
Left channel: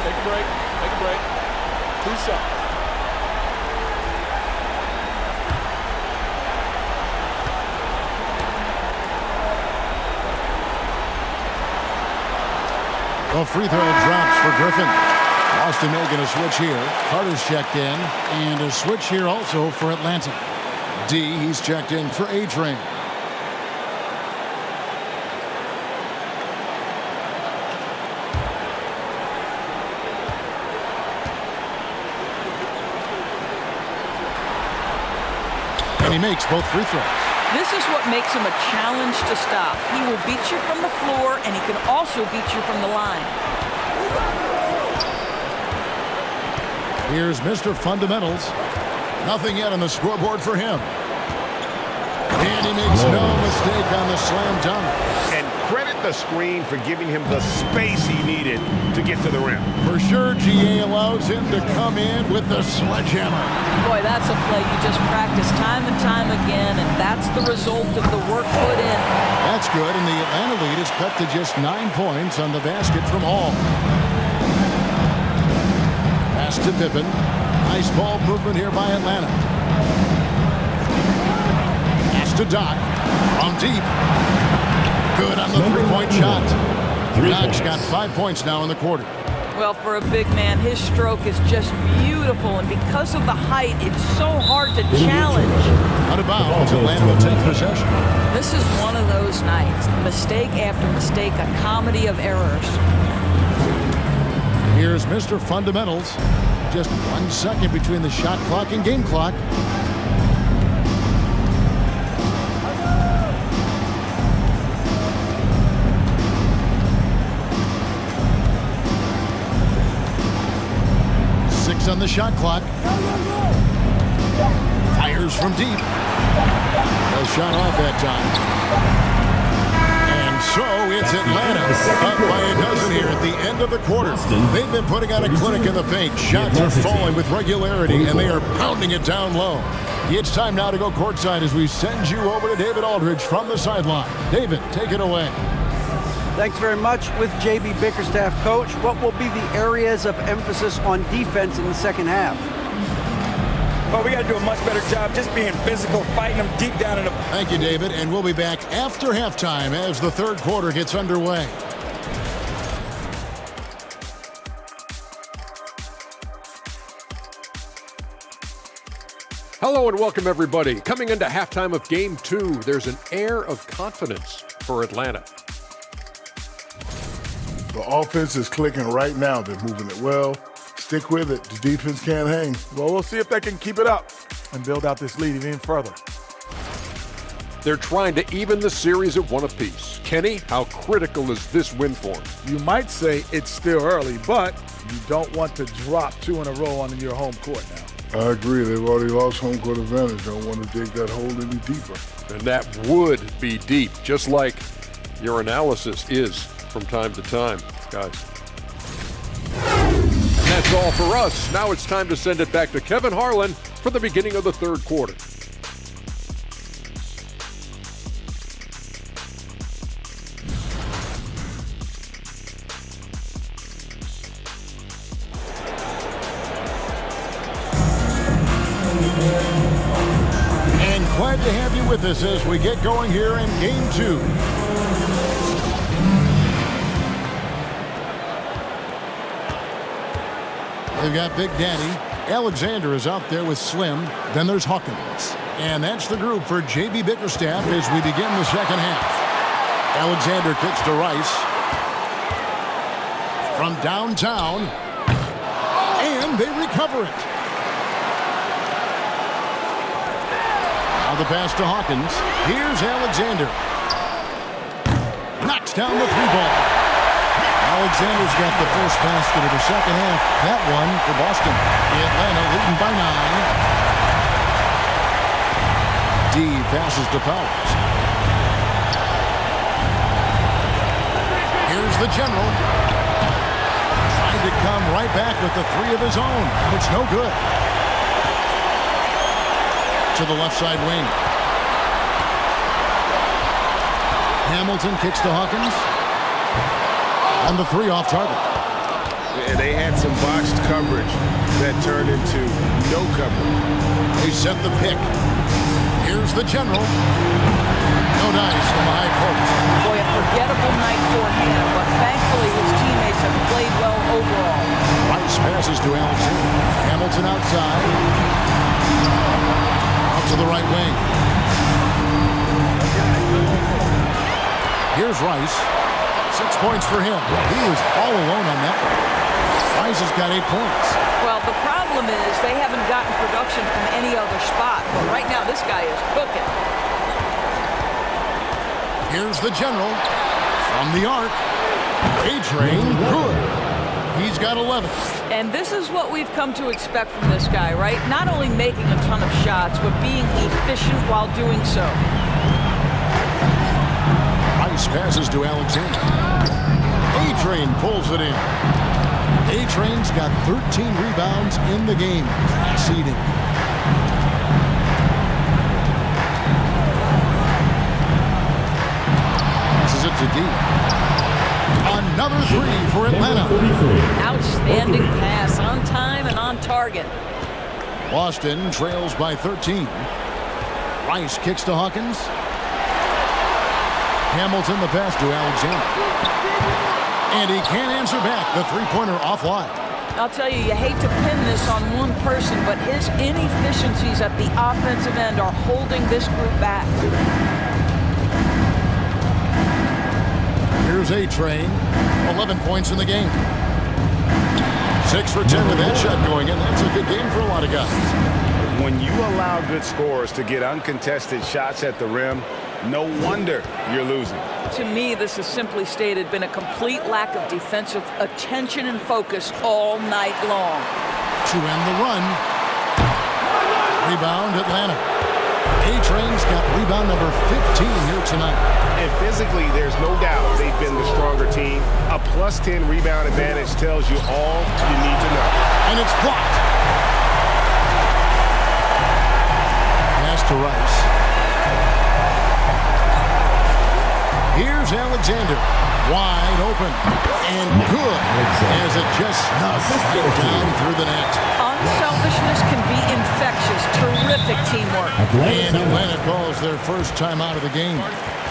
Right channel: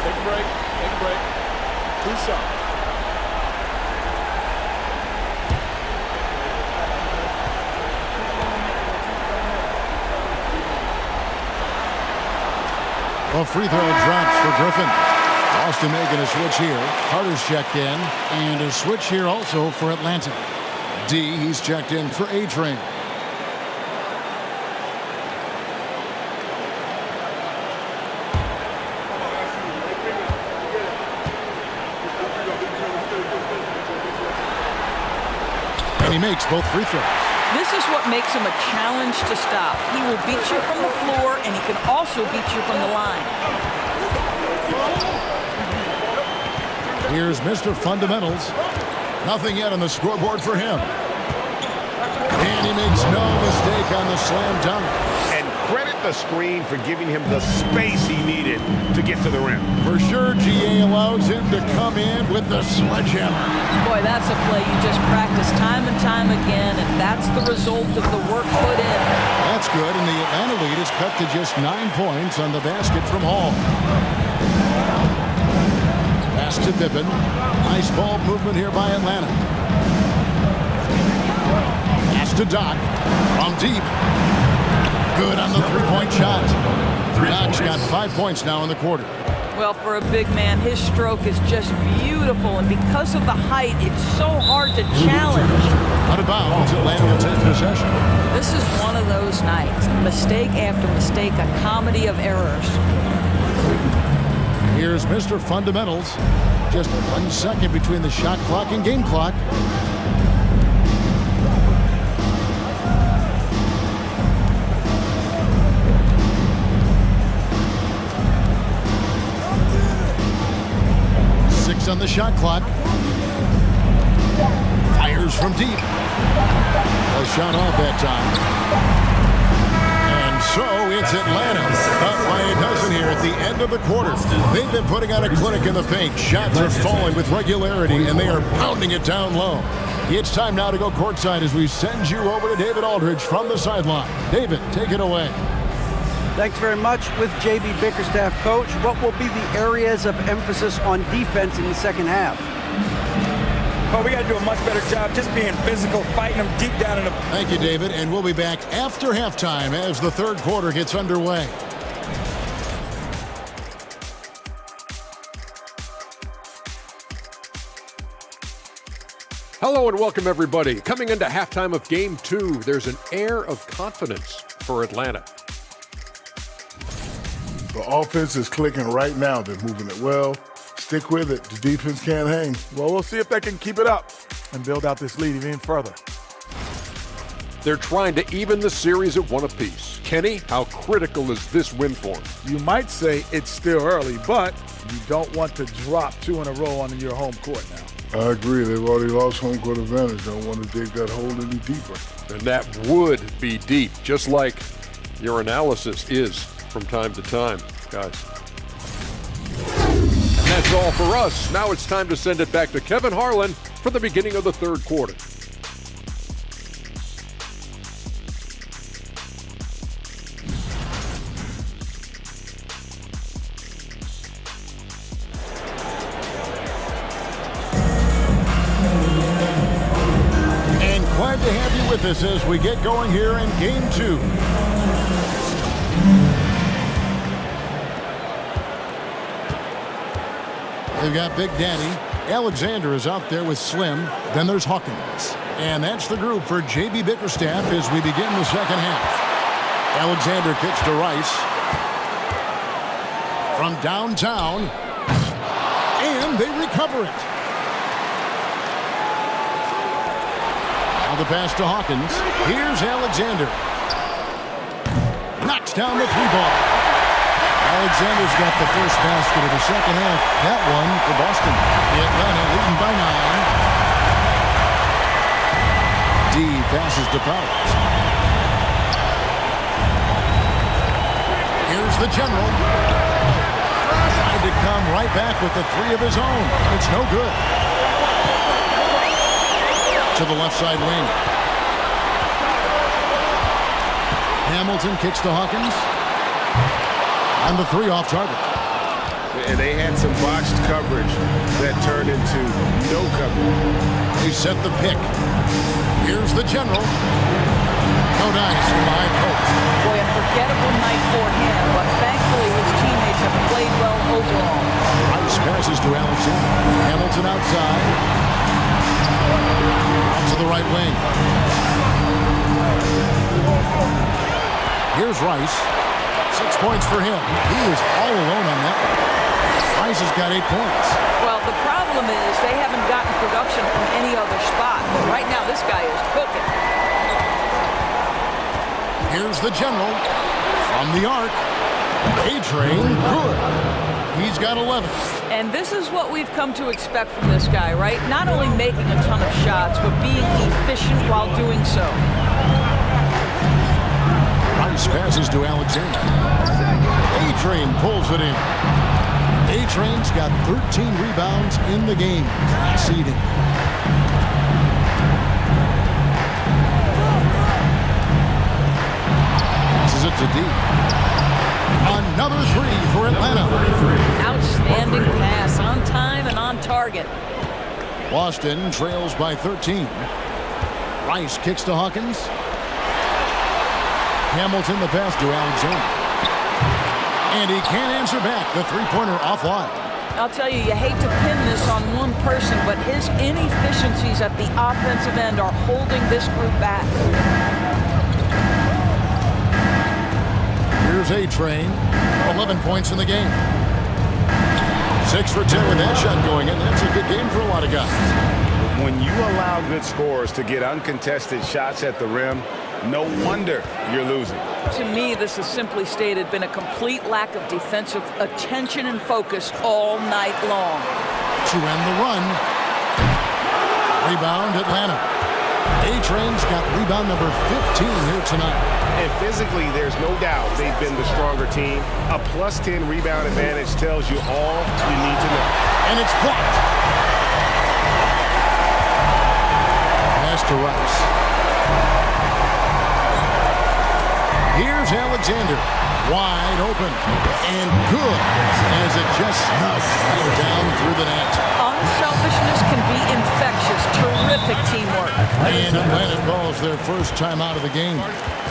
Take a break. Take a break. 2 shots. Well, free throw drops for Griffin. Boston making a switch here. Carter's checked in. And a switch here also for Atlanta. D, he's checked in for A-Train. And he makes both free throws. This is what makes him a challenge to stop. He will beat you from the floor, and he can also beat you from the line. Here's Mr. Fundamentals. Nothing yet on the scoreboard for him. And he makes no mistake on the slam dunk. And credit the screen for giving him the space he needed to get to the rim. For sure, GA allows him to come in with the sledgehammer. Boy, that's a play you just practice time and time again, and that's the result of the work put in. That's good, and the Atlanta lead is cut to just 9 points on the basket from Hall. Pass to Pippen. Nice ball movement here by Atlanta. Pass to Doc. From deep. Good on the three-point shot. Doc's got 5 points now in the quarter. Well, for a big man, his stroke is just beautiful, and because of the height, it's so hard to challenge. Out of bounds, Atlanta will take possession. This is one of those nights. Mistake after mistake, a comedy of errors. Here's Mr. Fundamentals. Just 1 second between the shot clock and game clock. On the shot clock. Fires from deep. A shot off that time. And so it's Atlanta up by a dozen here at the end of the quarter. They've been putting on a clinic in the paint. Shots are falling with regularity, and they are pounding it down low. It's time now to go courtside as we send you over to David Aldridge from the sideline. David, take it away. Thanks very much. With J.B. Bickerstaff, Coach, what will be the areas of emphasis on defense in the second half? Well, we got to do a much better job just being physical, fighting them deep down in the... Thank you, David, and we'll be back after halftime as the third quarter gets underway. Hello and welcome, everybody. Coming into halftime of Game 2, there's an air of confidence for Atlanta. The offense is clicking right now. They're moving it well. Stick with it. The defense can't hang. Well, we'll see if they can keep it up and build out this lead even further. They're trying to even the series at one apiece. Kenny, how critical is this win for them? You might say it's still early, but you don't want to drop 2 in a row on your home court now. I agree. They've already lost home court advantage. Don't want to dig that hole any deeper. And that would be deep, just like your analysis is from time to time, guys. And that's all for us. Now it's time to send it back to Kevin Harlan for the beginning of the third quarter. And glad to have you with us as we get going here in Game 2. They've got Big Daddy. Alexander is out there with Slim. Then there's Hawkins. And that's the group for J.B. Bickerstaff as we begin the second half. Alexander kicks to Rice. From downtown. And they recover it. Now the pass to Hawkins. Here's Alexander. Knocks down the 3-ball. Alexander's got the first basket of the second half. That one for Boston. Atlanta leading by 9. D passes to Powers. Here's the general. Trying to come right back with the 3 of his own. It's no good. To the left side wing. Hamilton kicks to Hawkins. And the 3 off target. And they had some botched coverage that turned into no coverage. They set the pick. Here's the general. No dice from the high post. Boy, a forgettable night for him, but thankfully his teammates have played well overall. Rice passes to Alexander. Hamilton outside. Out to the right wing. Here's Rice. 6 points for him. He was all alone on that one. Rice has got 8 points. Well, the problem is they haven't gotten production from any other spot, but right now this guy is cooking. Here's the general from the arc. A-Train, good. He's got 11. And this is what we've come to expect from this guy, right? Not only making a ton of shots, but being efficient while doing so. Rice passes to Alexander. A-Train pulls it in. A-Train's got 13 rebounds in the game. Class eating. Passes it to D. Another 3 for Atlanta. Outstanding pass, on time and on target. Boston trails by 13. Rice kicks to Hawkins. Hamilton the pass to Alexander. And he can't answer back. The 3-pointer offline. I'll tell you, you hate to pin this on one person, but his inefficiencies at the offensive end are holding this group back. Here's A-Train. 11 points in the game. 6 for 10 with that shot going in. That's a good game for a lot of guys. When you allow good scorers to get uncontested shots at the rim, no wonder you're losing. To me, this has simply stated been a complete lack of defensive attention and focus all night long. To end the run. Rebound, Atlanta. A-Train's got rebound number 15 here tonight. And physically, there's no doubt they've been the stronger team. A +10 rebound advantage tells you all you need to know. And it's blocked. Pass to Rice. Here's Alexander. Wide open. And good as it just snugs right down through the net. Unselfishness can be infectious. Terrific teamwork. And Atlanta calls their first timeout of the game.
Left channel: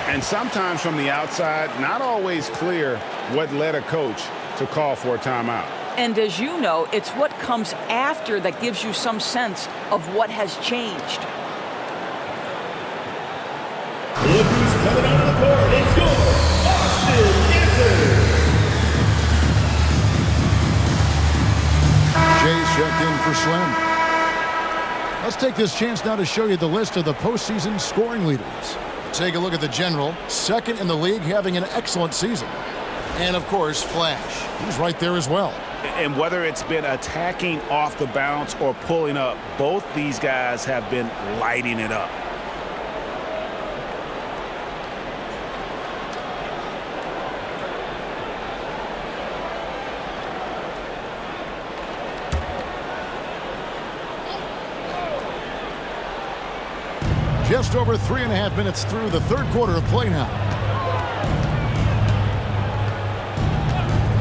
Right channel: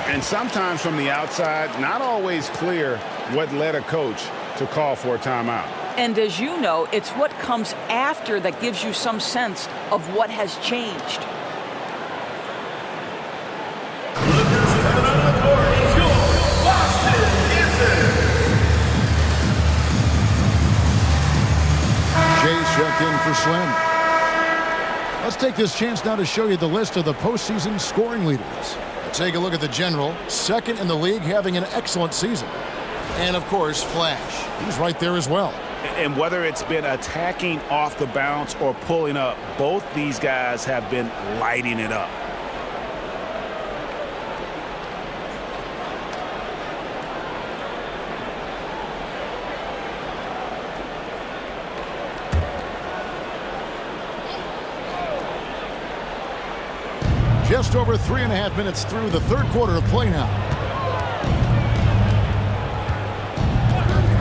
And sometimes from the outside, not always clear what led a coach to call for a timeout. And as you know, it's what comes after that gives you some sense of what has changed. Clippers coming out of the court. It's your Boston Jay's checked in for Slim. Let's take this chance now to show you the list of the postseason scoring leaders. Take a look at the General, second in the league, having an excellent season. And, of course, Flash. He's right there as well. And whether it's been attacking off the bounce or pulling up, both these guys have been lighting it up. Just over 3.5 minutes through the third quarter of play now.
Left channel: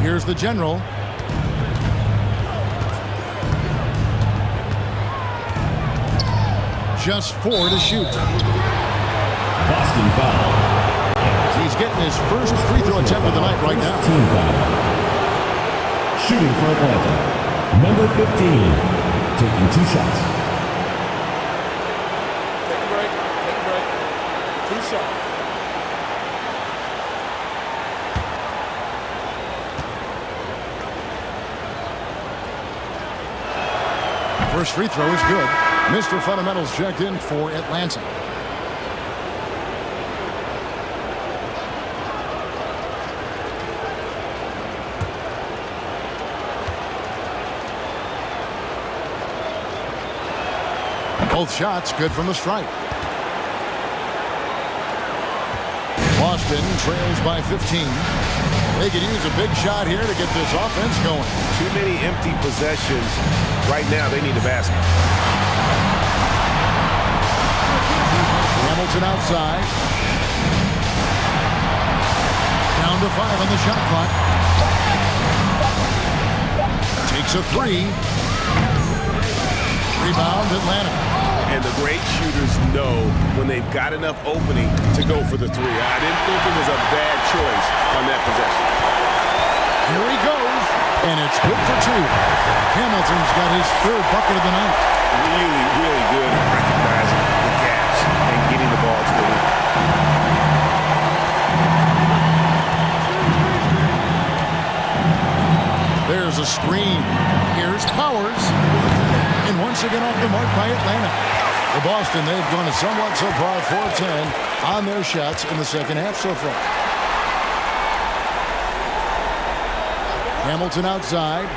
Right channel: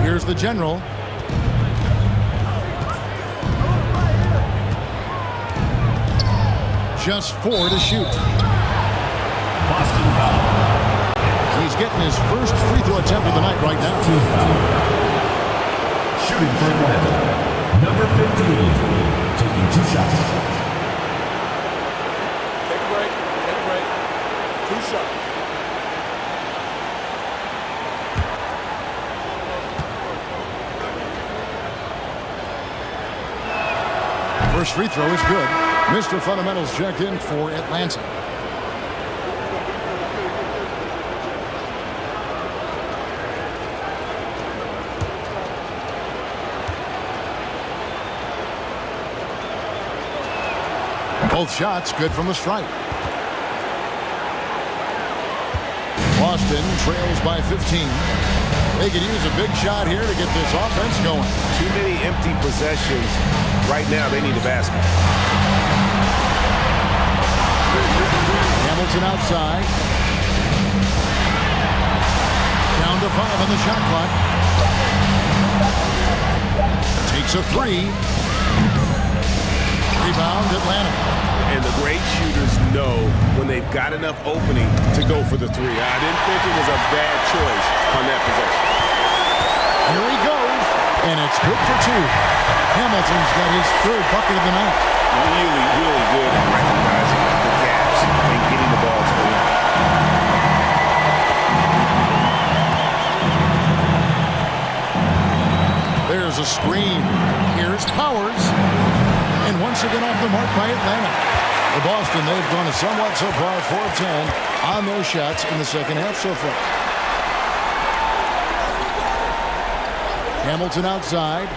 Here's the General. Just 4 to shoot. Boston foul. He's getting his first free throw attempt of the night right now. Team foul. Shooting for Atlanta. Number 15. Taking 2 shots. Take a break. 2 shots. First free throw is good. Mr. Fundamentals checked in for Atlanta. Both shots good from the stripe. Boston trails by 15. They could use a big shot here to get this offense going. Too many empty possessions. Right now, they need a basket. Hamilton outside. Down to 5 on the shot clock. Takes a 3. Rebound, Atlanta. And the great shooters know when they've got enough opening to go for the 3. I didn't think it was a bad choice on that possession. Here he goes, and it's good for 2. Hamilton's got his 3rd bucket of the night. Really, really good at recognizing the gaps and getting the ball to the rim. There's a screen. Here's Powers. And once again off the mark by Atlanta. For Boston, they've gone somewhat so far 4 of 10 on their shots in the second half so far. Hamilton outside.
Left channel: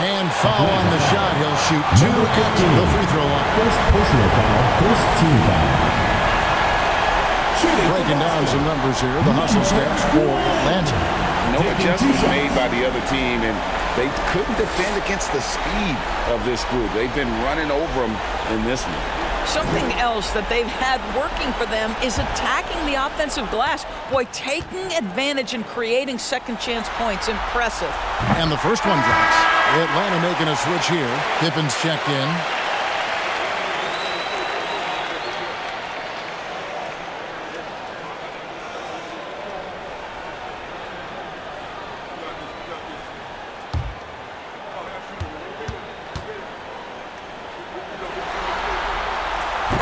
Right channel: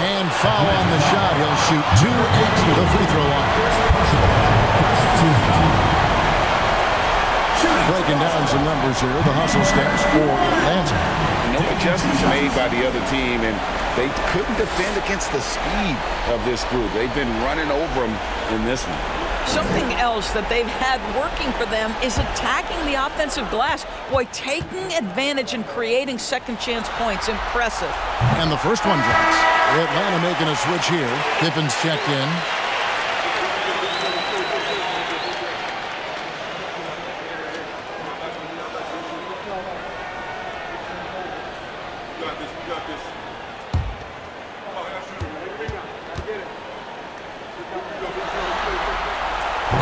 And foul on the shot. He'll shoot 2 at the free throw line. First personal foul. First team foul. Breaking down some numbers here. The hustle stats for Atlanta. No adjustments made by the other team, and they couldn't defend against the speed of this group. They've been running over them in this one. Something else that they've had working for them is attacking the offensive glass. Boy, taking advantage and creating second chance points. Impressive. And the first one drops. Atlanta making a switch here. Pippen's checked in.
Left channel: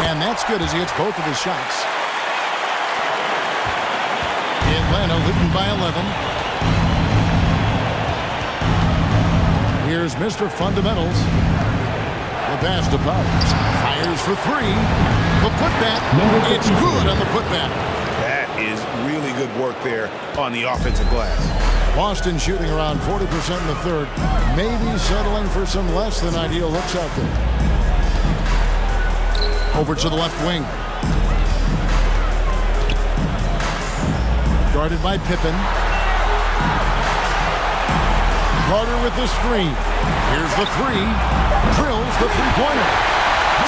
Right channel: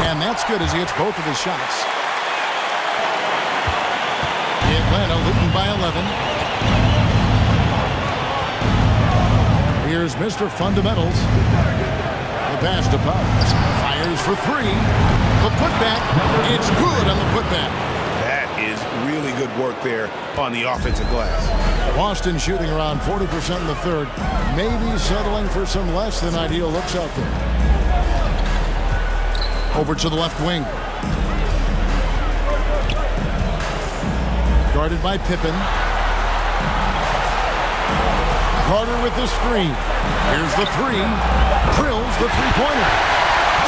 And that's good as he hits both of his shots. Atlanta leading by 11. Here's Mr. Fundamentals. The pass to Powers. Fires for 3. The putback. It's good on the putback. That is really good work there on the offensive glass. Boston shooting around 40% in the third. Maybe settling for some less than ideal looks out there. Over to the left wing. Guarded by Pippen. Carter with the screen. Here's the three. Drills the three-pointer.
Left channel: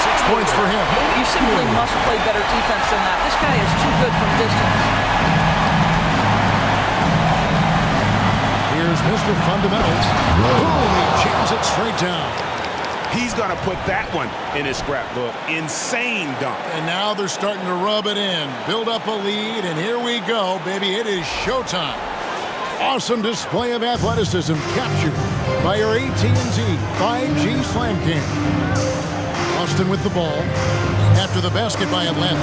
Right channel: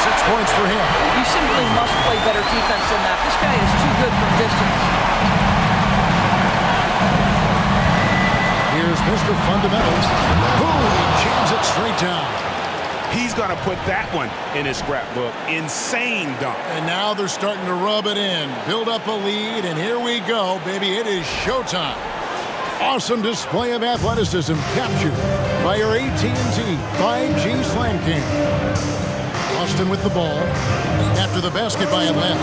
6 points for him. You simply must play better defense than that. This guy is too good from distance. Here's Mr. Fundamentals. Boom, he jams it straight down. He's going to put that one in his scrapbook. Insane dunk. And now they're starting to rub it in. Build up a lead, and here we go, baby. It is showtime. Awesome display of athleticism captured by your AT&T 5G Slam Cam. Boston with the ball. After the basket by Atlanta.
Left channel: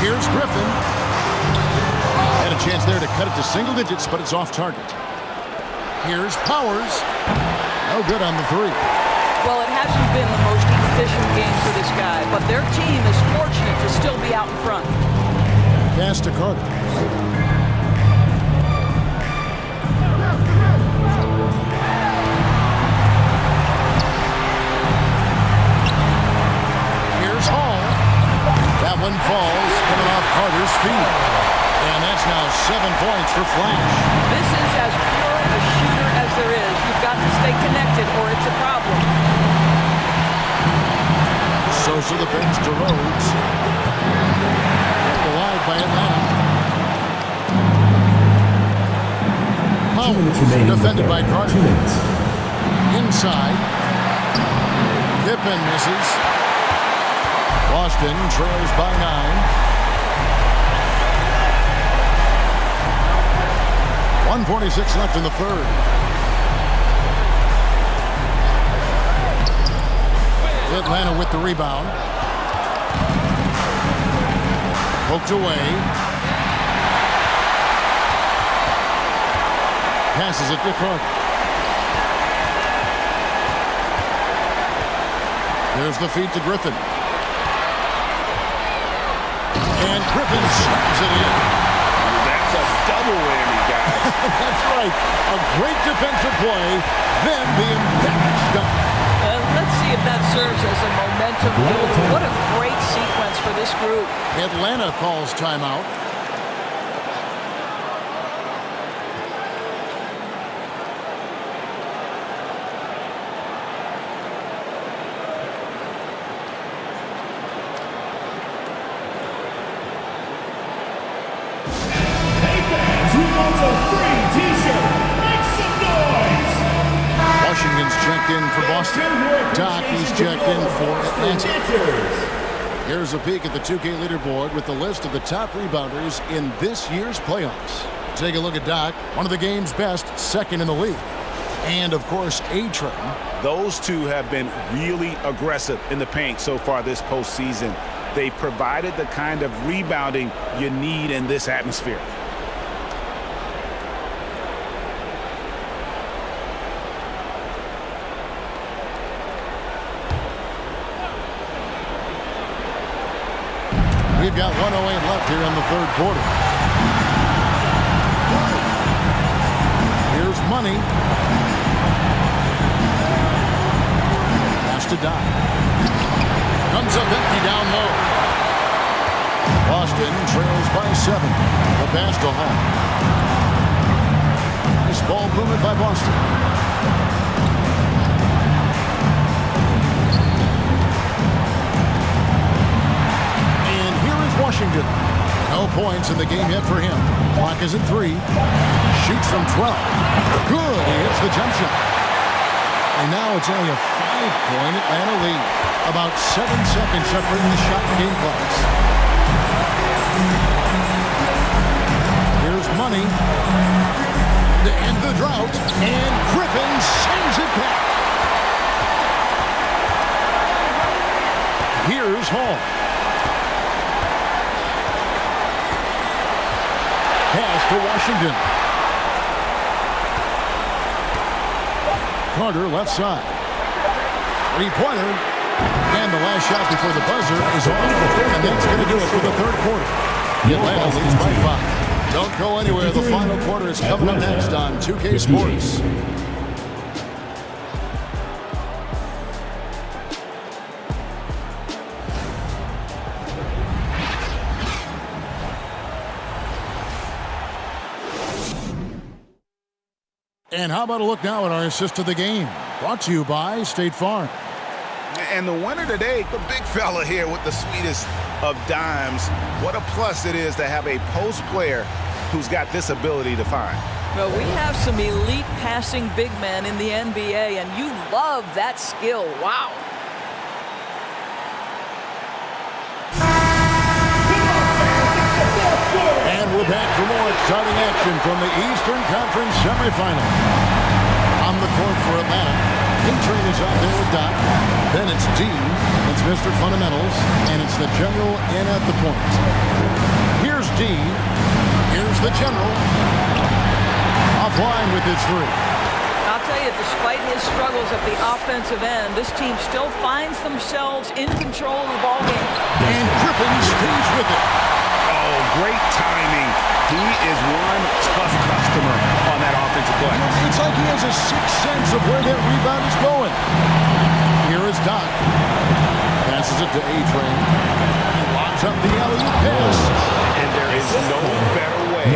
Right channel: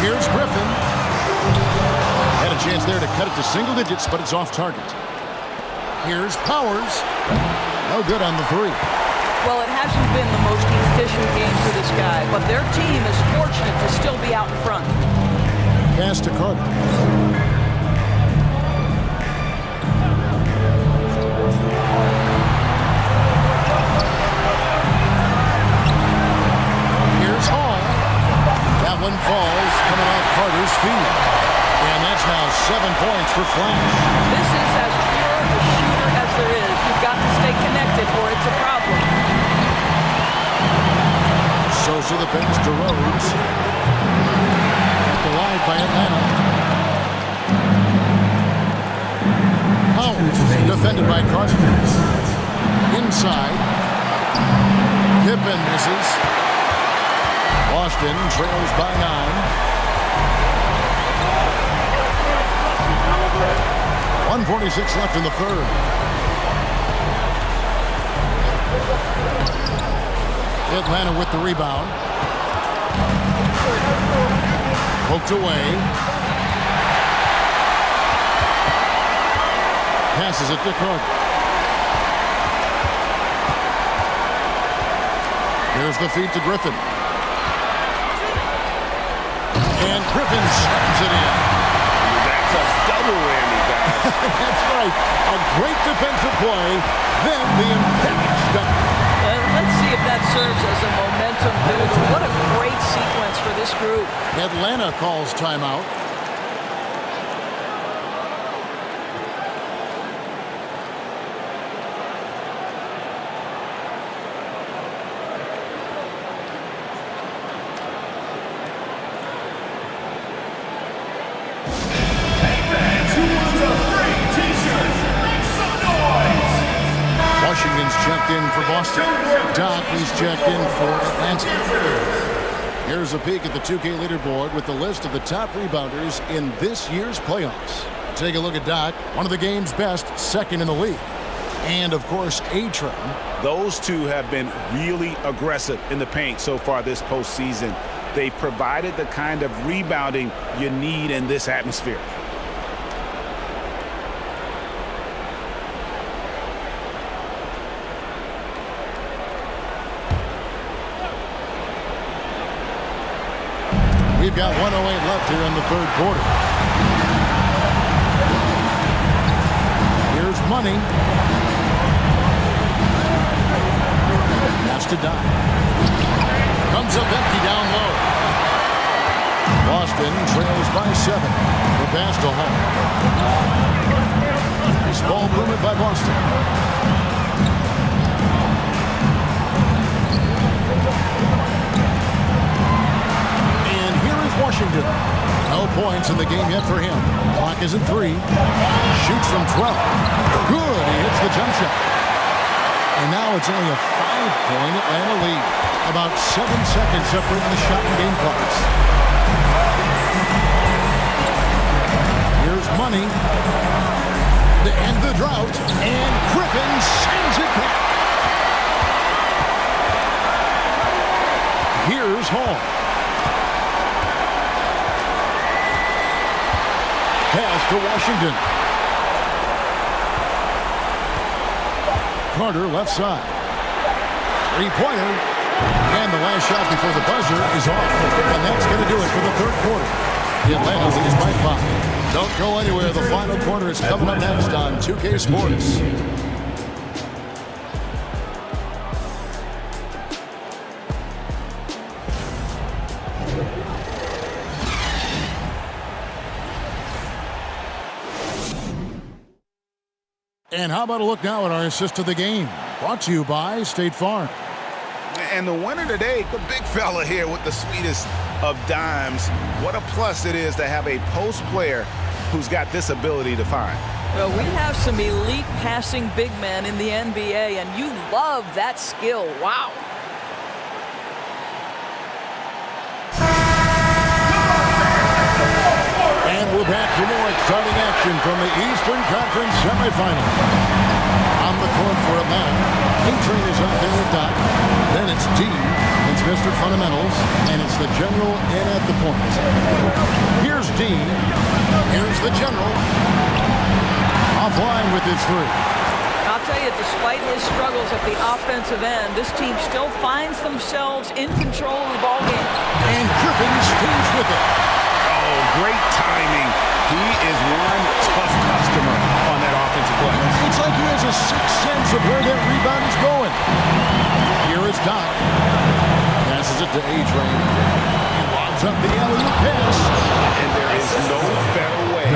Here's Griffin. Had a chance there to cut it to single digits, but it's off target. Here's Powers. No good on the three. Well, it hasn't been the most efficient game for this guy, but their team is fortunate to still be out in front. Pass to Carter. Here's Hall. That one falls, coming off Carter's feet. And that's now 7 points for Flash. This is as pure a shooter as there is. You've got to stay connected or it's a problem. Sosa the pass to Rhodes. Kept alive by Atlanta. Powers defended by Carter. Inside. Pippen misses. Boston trails by 9. 1:46 left in the third. Atlanta with the rebound. Poked away. Passes it to Carter. There's the feed to Griffin. And Griffin slams it in. That's a double whammy, guys. That's right. A great defensive play, then the emphatic stuff. Let's see if that serves as a momentum builder. What a great sequence for this group. Atlanta calls timeout. Washington's checked in for Boston. Doc, he's checked in for Atlanta. Here's a peek at the 2K leaderboard with the list of the top rebounders in this year's playoffs. Take a look at Doc, one of the game's best, second in the league. And, of course, A-Train. Those two have been really aggressive in the paint so far this postseason. They've provided the kind of rebounding you need in this atmosphere. We've got 1:08 left here in the third quarter. Here's Money. Pass to Doc. Comes up empty down low. Boston trails by 7. The pass to Hall. Nice ball movement by Boston. Washington. No points in the game yet for him. Clock is at 3. Shoots from 12. Good. He hits the jump shot. And now it's only a 5-point Atlanta lead. About 7 seconds separating the shot and game clocks. Here's Money to end the drought. And Griffin sends it back. Here's Hall. Pass to Washington. Carter left side. Three-pointer. And the last shot before the buzzer is off. And that's going to do it for the third quarter. Atlanta leads by 5. Don't go anywhere. The final quarter is coming up next on 2K Sports. And how about a look now at our assist of the game? Brought to you by State Farm. And the winner today, the big fella here with the sweetest of dimes. What a plus it is to have a post player who's got this ability to find. Well, we have some elite passing big men in the NBA, and you love that skill. Wow. And we're back for more exciting action from the Eastern Conference semifinal. On the court for Atlanta, A-Train is out there with Doc. Then it's D, it's Mr. Fundamentals, and it's the General in at the point. Here's D, here's the General. Offline with his three. I'll tell you, despite his struggles at the offensive end, this team still finds themselves in control of the ballgame. And Griffin stays with it. Oh, great timing. He is one tough customer on that offensive play. You know, it's like he has a sixth sense of where that rebound is going. Here is Doc. Passes it to A-Train. He lobs up the alley-oop pass. And there is no better way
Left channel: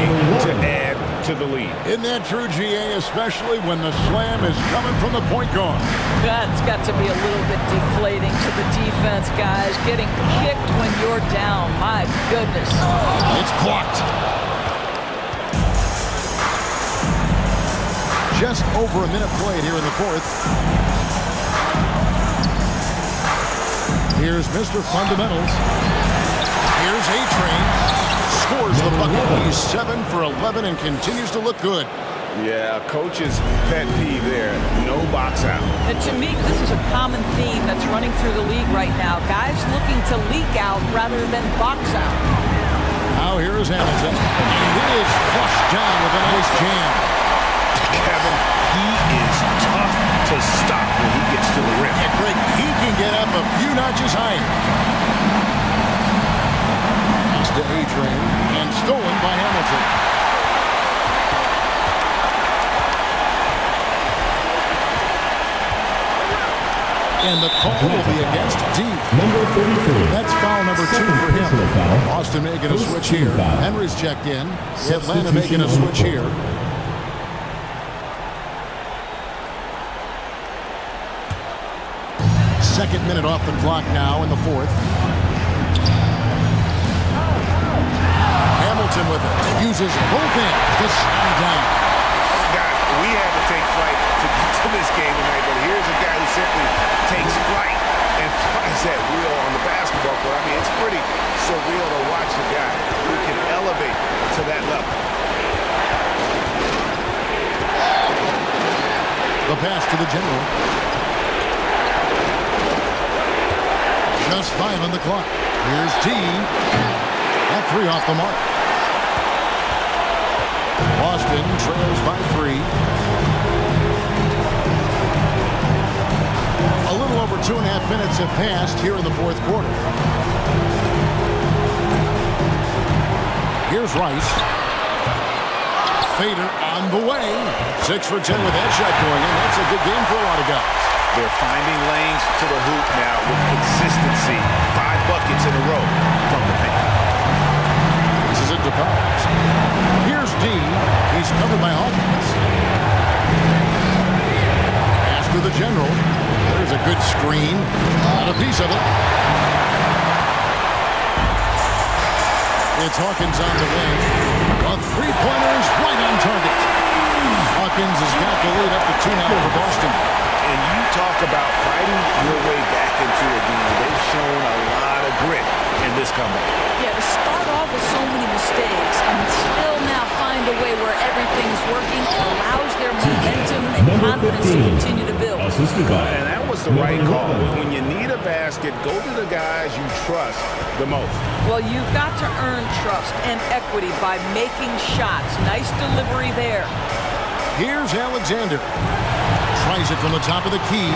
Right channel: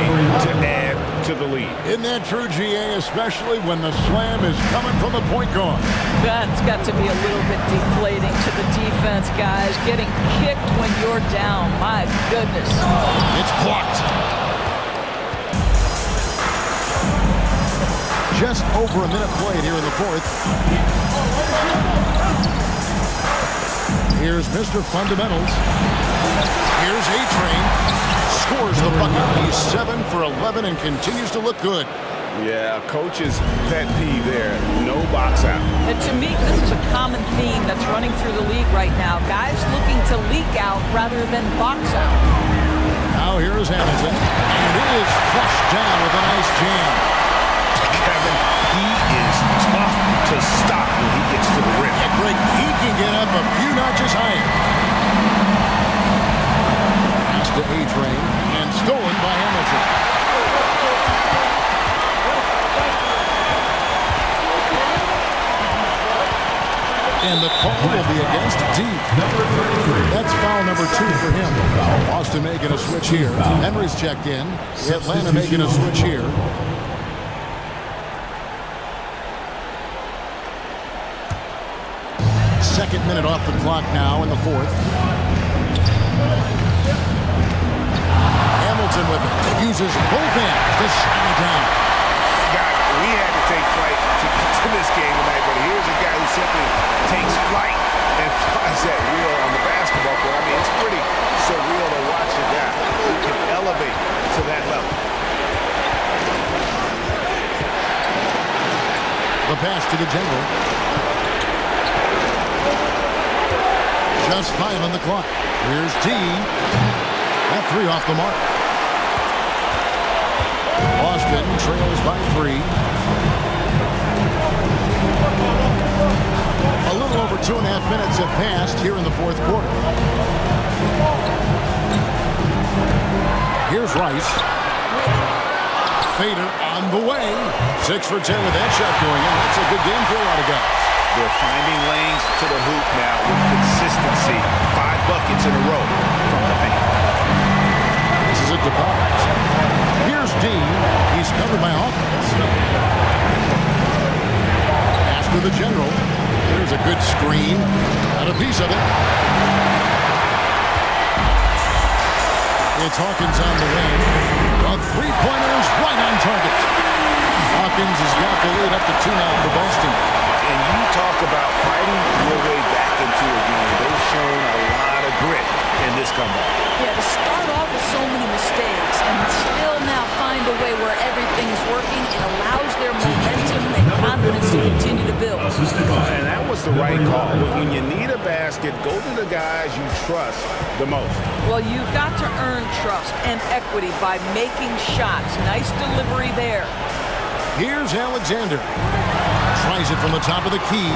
to add to the lead. Isn't that true, GA? Especially when the slam is coming from the point guard. That's got to be a little bit deflating to the defense, guys. Getting kicked when you're down. My goodness. It's blocked. Just over a minute played here in the fourth. Here's Mr. Fundamentals. Here's A-Train. Scores the bucket. He's 7 for 11 and continues to look good. Yeah, coach's pet peeve there. No box out. And to me, this is a common theme that's running through the league right now. Guys looking to leak out rather than box out. Now here is Hamilton. And it is flushed down with a nice jam. Kevin, he is tough to stop when he gets to the rim. Yeah, Greg, he can get up a few notches higher. Pass to A-Train and stolen by Hamilton. And the call will be against D. Number 33. That's foul number 2 for him. Boston making a switch here. Henry's checked in. Atlanta making a switch here. Second minute off the clock now in the fourth. Hamilton with it. Uses both hands to slam it down. God, we had to take flight to get to this game tonight, but here's a guy who simply takes flight and flies that wheel on the basketball court. I mean, it's pretty surreal to watch a guy who can elevate to that level. The pass to the General. Just 5 on the clock. Here's D. That 3 off the mark. Boston trails by 3. A little over 2.5 minutes have passed here in the fourth quarter. Here's Rice. Fader on the way. 6 for 10 with that shot going in. That's a good game for a lot of guys. They're finding lanes to the hoop now with consistency. 5 buckets in a row from the paint. This is it to Powers. Here's D. He's covered by Hawkins. Pass to the General. There's a good screen. Not a piece of it. It's Hawkins on the wing. A three-pointer is right on target. Hawkins has got the lead up to 2 now for Boston. And you talk about fighting your way back into a game. They've shown a lot of grit in this comeback. Yeah, to start off with so many mistakes and still now find a way where everything's working, it allows their momentum and confidence to continue to build. And that was the right call. When you need a basket, go to the guys you trust the most. Well, you've got to earn trust and equity by making shots. Nice delivery there. Here's Alexander. Tries it from the top of the key.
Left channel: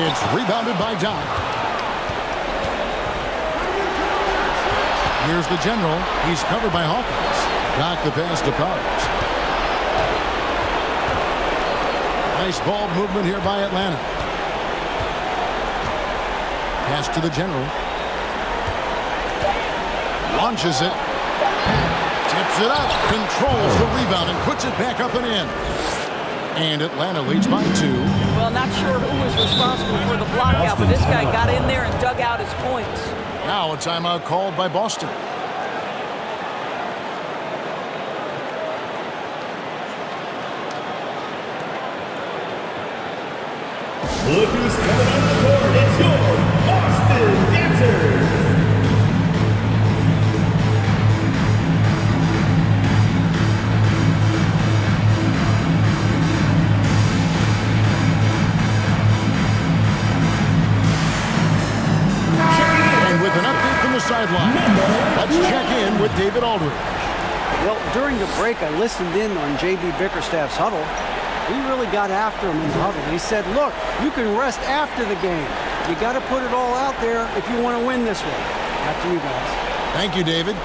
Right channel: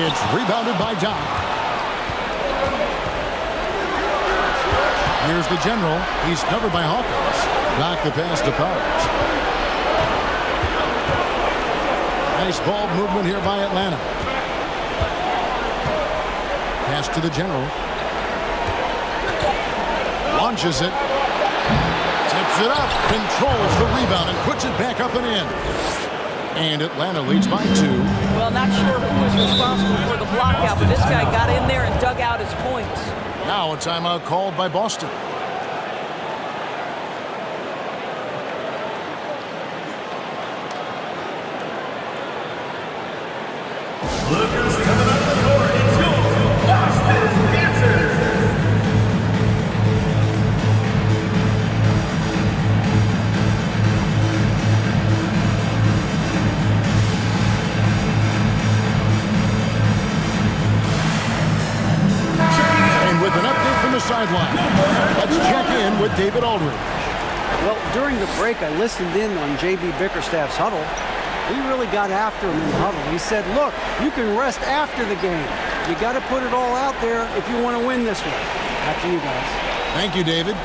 It's rebounded by Doc. Here's the General. He's covered by Hawkins. Doc the pass to Powers. Nice ball movement here by Atlanta. Pass to the General. Launches it. Tips it up. Controls the rebound and puts it back up and in. And Atlanta leads by 2. Well, not sure who was responsible for the block out, but this guy got in there and dug out his points. Now a timeout called by Boston. Look who's coming on the court. It's your Boston Dancers. And with an update from the sideline, let's check in with David Aldridge. Well, during the break, I listened in on J.B. Bickerstaff's huddle. He really got after him in the huddle. He said, look, you can rest after the game. You got to put it all out there if you want to win this one. Back to you guys. Thank you, David.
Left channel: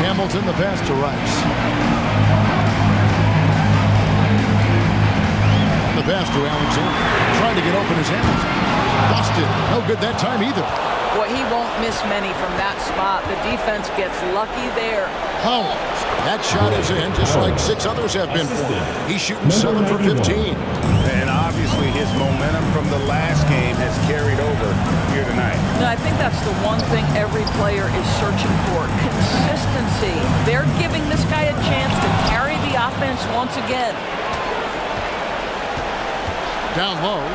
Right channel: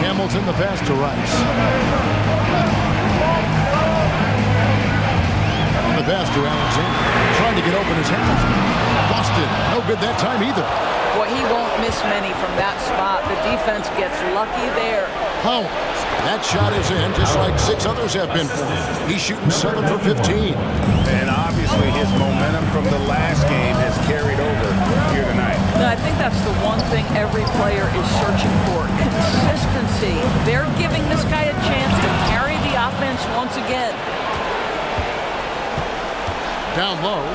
Hamilton the pass to Rice. On the pass to Alexander. Trying to get open as Hamilton. Lost it. No good that time either. Boy, he won't miss many from that spot. The defense gets lucky there. Powers. That shot is in just like 6 others have been for him. He's shooting 7 for 15. And obviously his momentum from the last game has carried over here tonight. No, I think that's the one thing every player is searching for. Consistency. They're giving this guy a chance to carry the offense once again. Down low.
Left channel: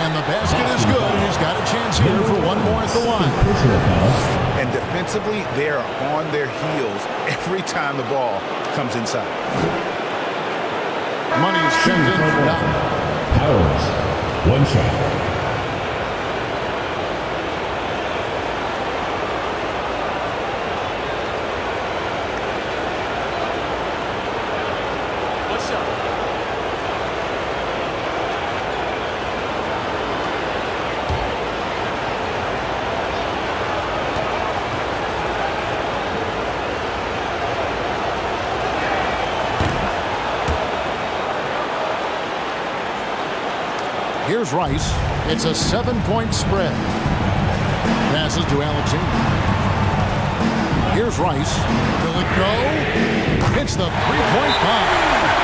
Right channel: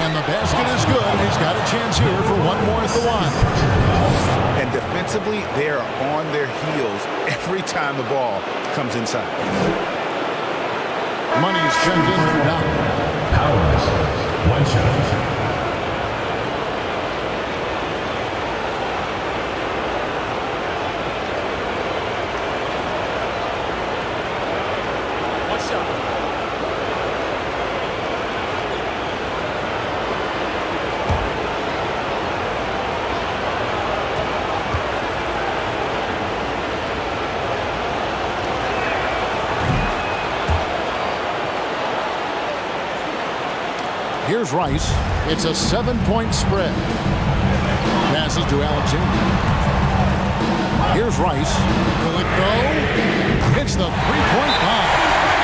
And the basket is good, and he's got a chance here for one more at the line. And defensively, they are on their heels every time the ball comes inside. Money's checked in for Doc. Powers, one shot. Here's Rice. It's a 7-point spread. Passes to Alexander. Here's Rice. Will it go? Hits the three-point bomb.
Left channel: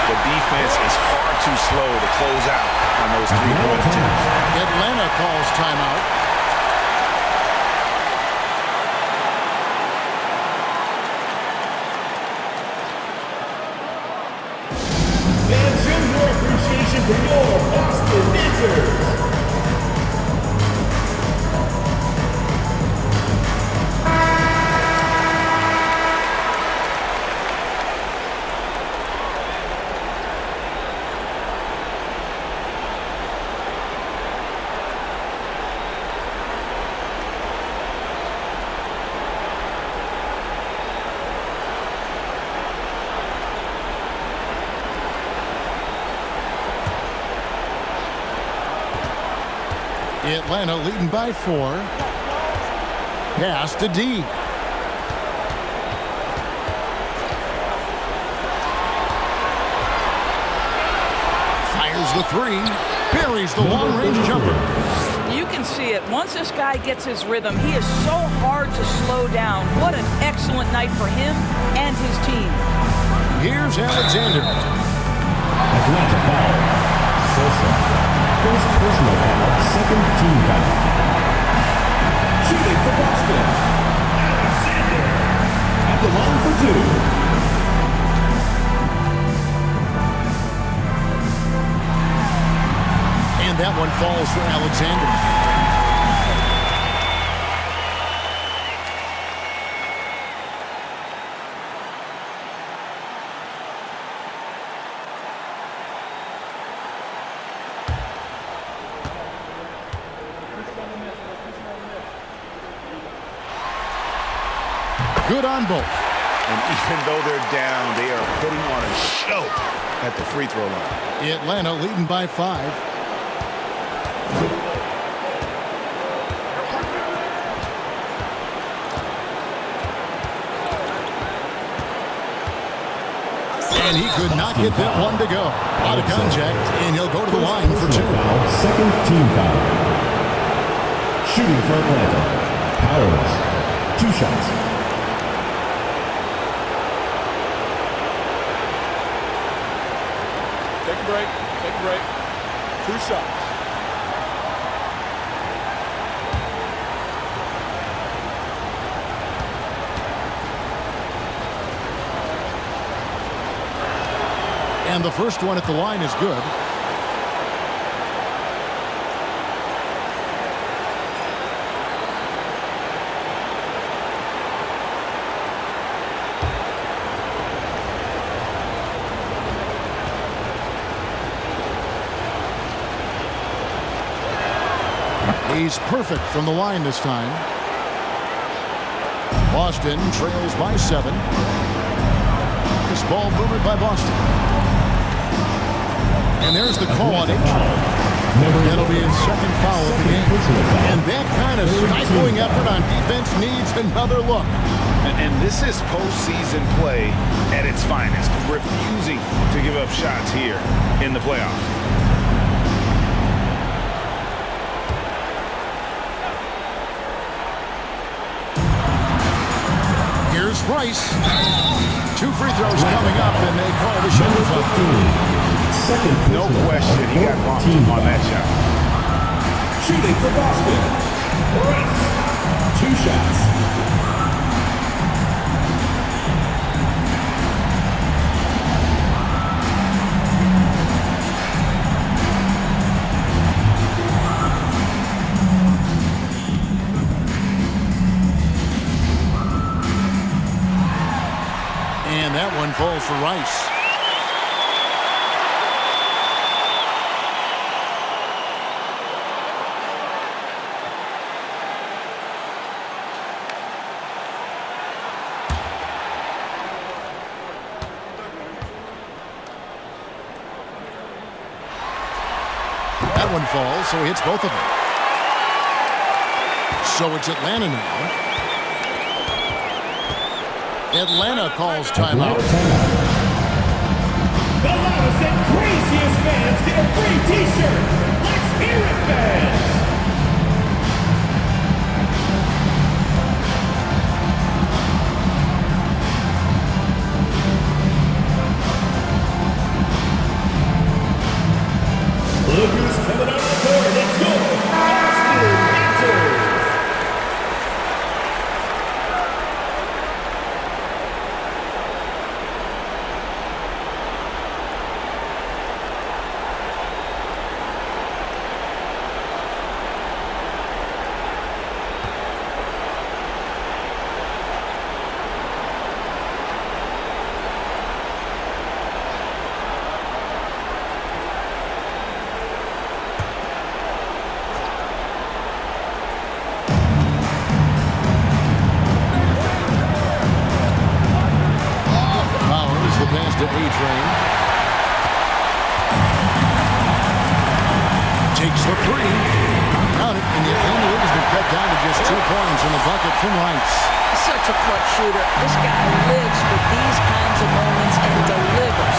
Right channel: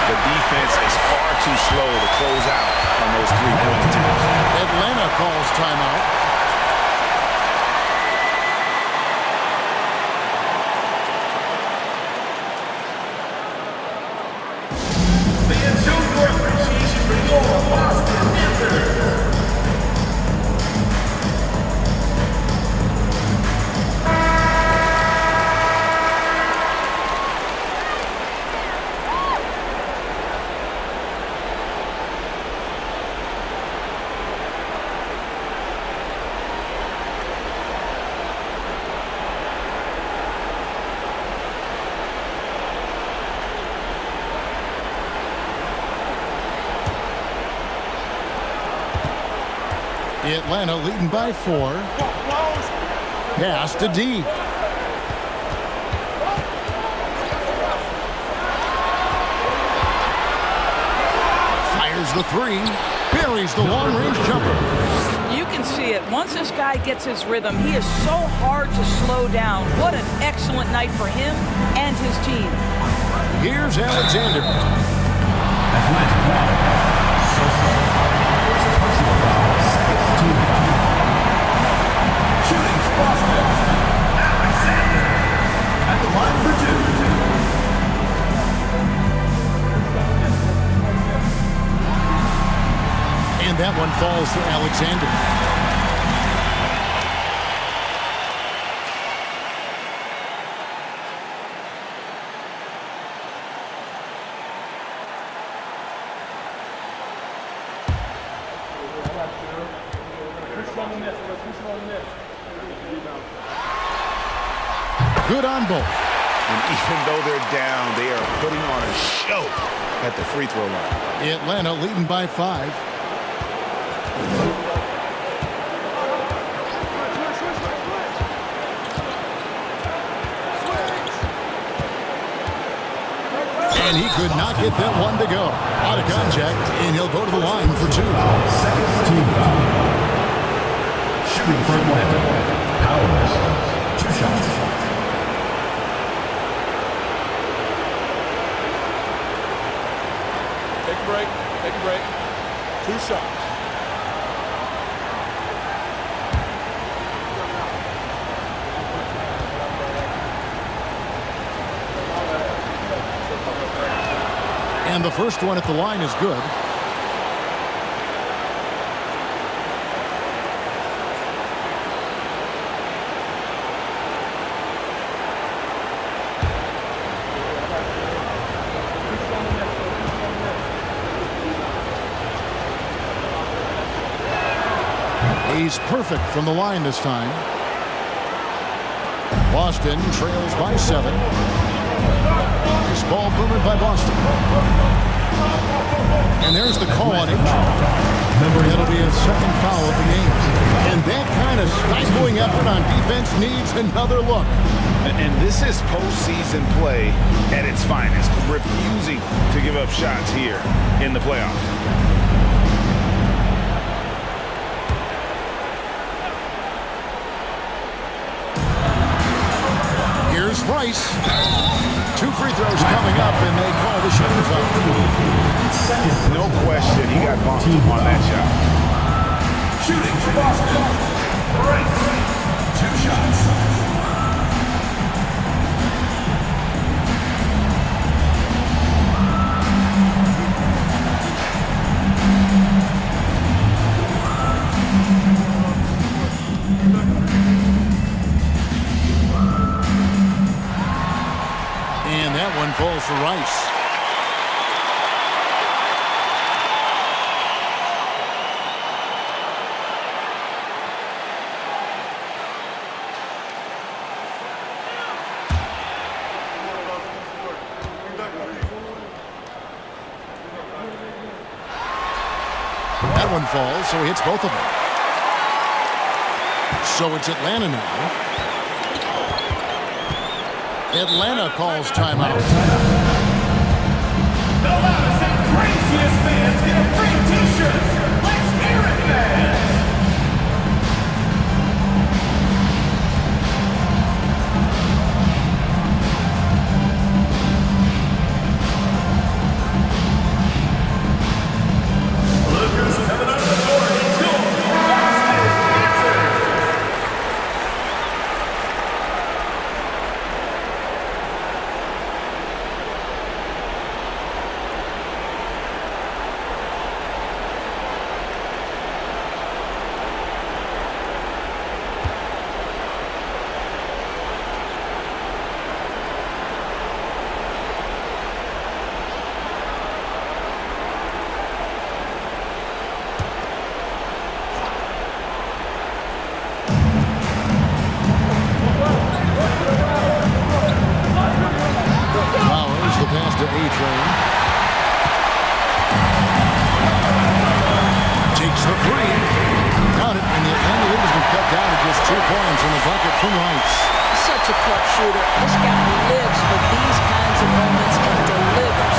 The defense is far too slow to close out on those three-point attempts. Atlanta calls timeout. For your Boston Dancers. Atlanta leading by 4. Pass to D. Fires the 3. Buries the long-range jumper. You can see it. Once this guy gets his rhythm, he is so hard to slow down. What an excellent night for him and his team. Here's Alexander. Atlanta foul. Sosa. First personal foul, second team foul. Shooting for Boston, Alexander. At the line for 2. And that one falls for Alexander. Good on both. And even though they're down, they are putting on a show at the free throw line. Atlanta leading by 5. And he could not get that one to go. Out of contact, and he'll go to the line for 2. Second team foul. Shooting for Atlanta. Powers. 2 shots. Take a break. Take a break. 2 shots. And the first one at the line is good. He's perfect from the line this time. Boston trails by 7. This ball movement by Boston. And there's the call on H. That'll be his second foul of the game. And that kind of stifling effort on defense needs another look. And this is postseason play at its finest, refusing to give up shots here in the playoffs. Here's Rice. 2 free throws coming up, and they call the shooting foul. No question, he got bumped on that shot. Shooting for Boston. Rice. 2 shots. And that one falls for Rice. That one falls, so he hits both of them. So it's Atlanta now. Atlanta calls timeout. The loudest and craziest fans get a free t-shirt. Let's hear it, fans. Lookers coming on the board. It's your Boston Gladiators. Pass to A-Train. Takes the 3. Count it, and the Atlanta lead has been cut down to just 2 points in the bucket from Rice. Such a clutch shooter. This guy lives for these kinds of moments and delivers.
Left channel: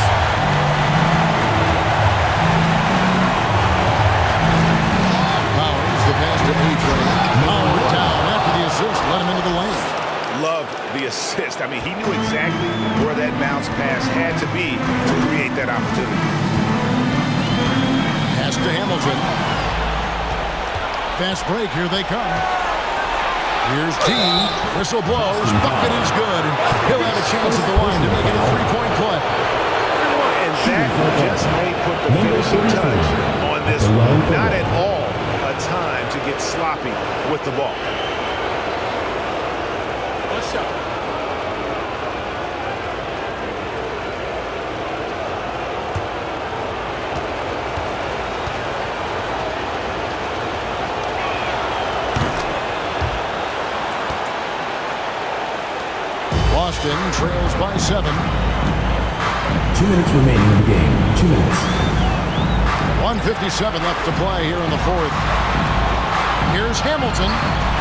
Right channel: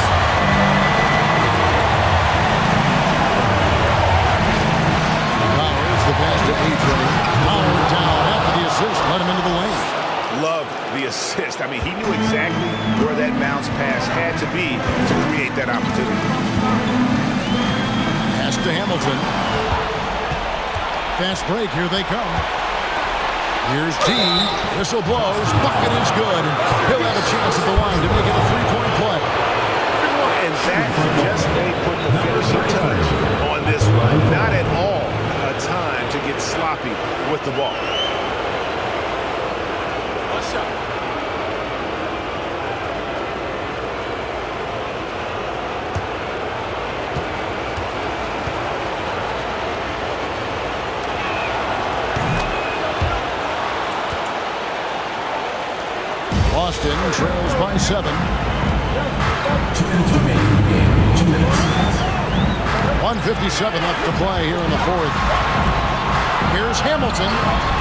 Powers, the pass to A-Train. Howard down after the assist, let him into the lane. Love the assist. I mean, he knew exactly where that bounce pass had to be to create that opportunity. Pass to Hamilton. Fast break, here they come. Here's T. Whistle blows. Bucket is good. And he'll have a chance at the line to make it a 3-point play. And that just may put the finishing touch on this one. Not at all a time to get sloppy with the ball. Shot. Boston trails by 7. 2 minutes remaining in the game. 2 minutes. 1:57 left to play here in the 4th. Here's Hamilton.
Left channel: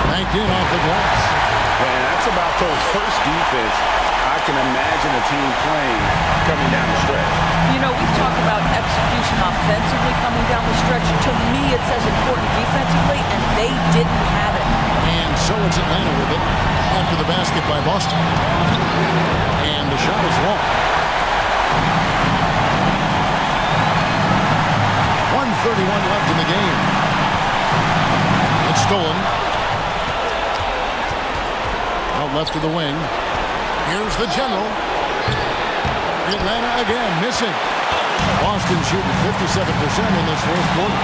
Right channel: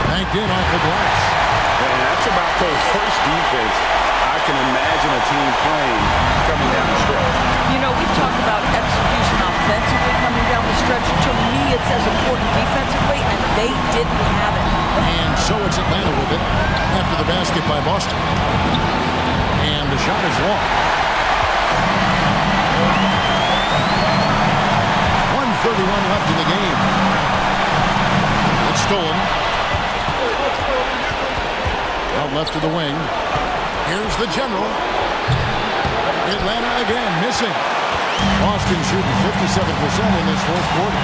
Banked in off the glass. And that's about the worst defense I can imagine a team playing coming down the stretch. You know, we've talked about execution offensively coming down the stretch. To me, it's as important defensively, and they didn't have it. And so it's Atlanta with it after the basket by Boston. And the shot is long. 1:31 left in the game. It's stolen. Out left to the wing. Here's the general. Atlanta again missing. Boston shooting 57% in this fourth quarter.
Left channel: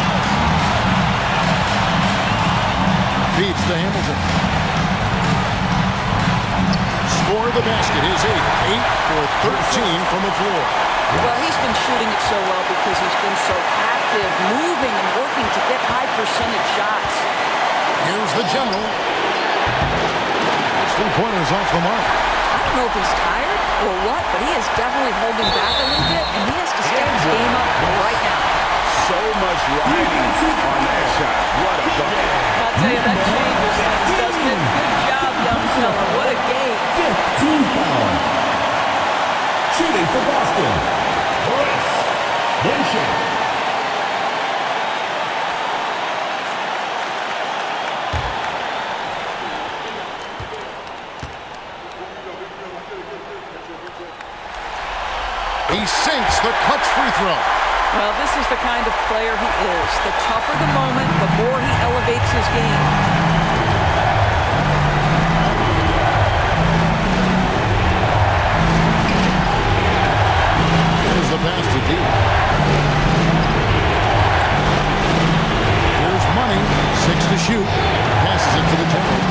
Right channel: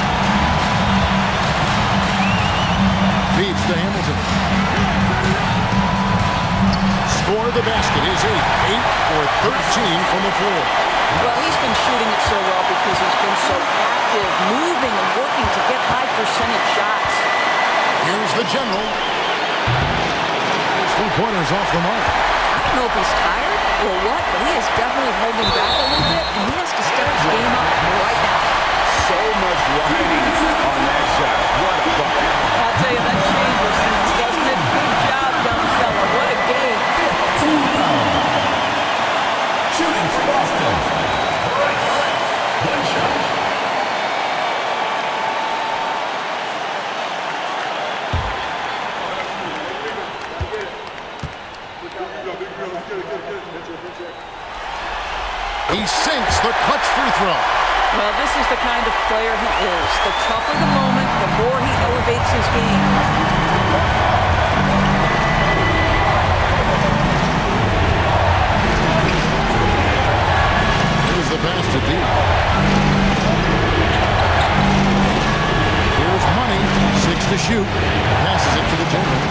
Feeds to Hamilton. Score the basket is 8 for 13 from the floor. Well, he's been shooting it so well because he's been so active, moving and working to get high percentage shots. Here's the general. His 3-pointers off the mark. I don't know if he's tired or what, but he is definitely holding back a little bit, and he has to step his game up right now. So much riding on that shot. What a bucket. I'll tell you, that changes things, doesn't it? Good job, young fella. What a game. 15 fouls. Shooting for Boston. Bryce. One shot. He sinks the clutch free throw. Well, this is the kind of player he is. The tougher the moment, the more he elevates his game. Here's the pass to deep. Here's Money. 6 to shoot. Passes it to the general.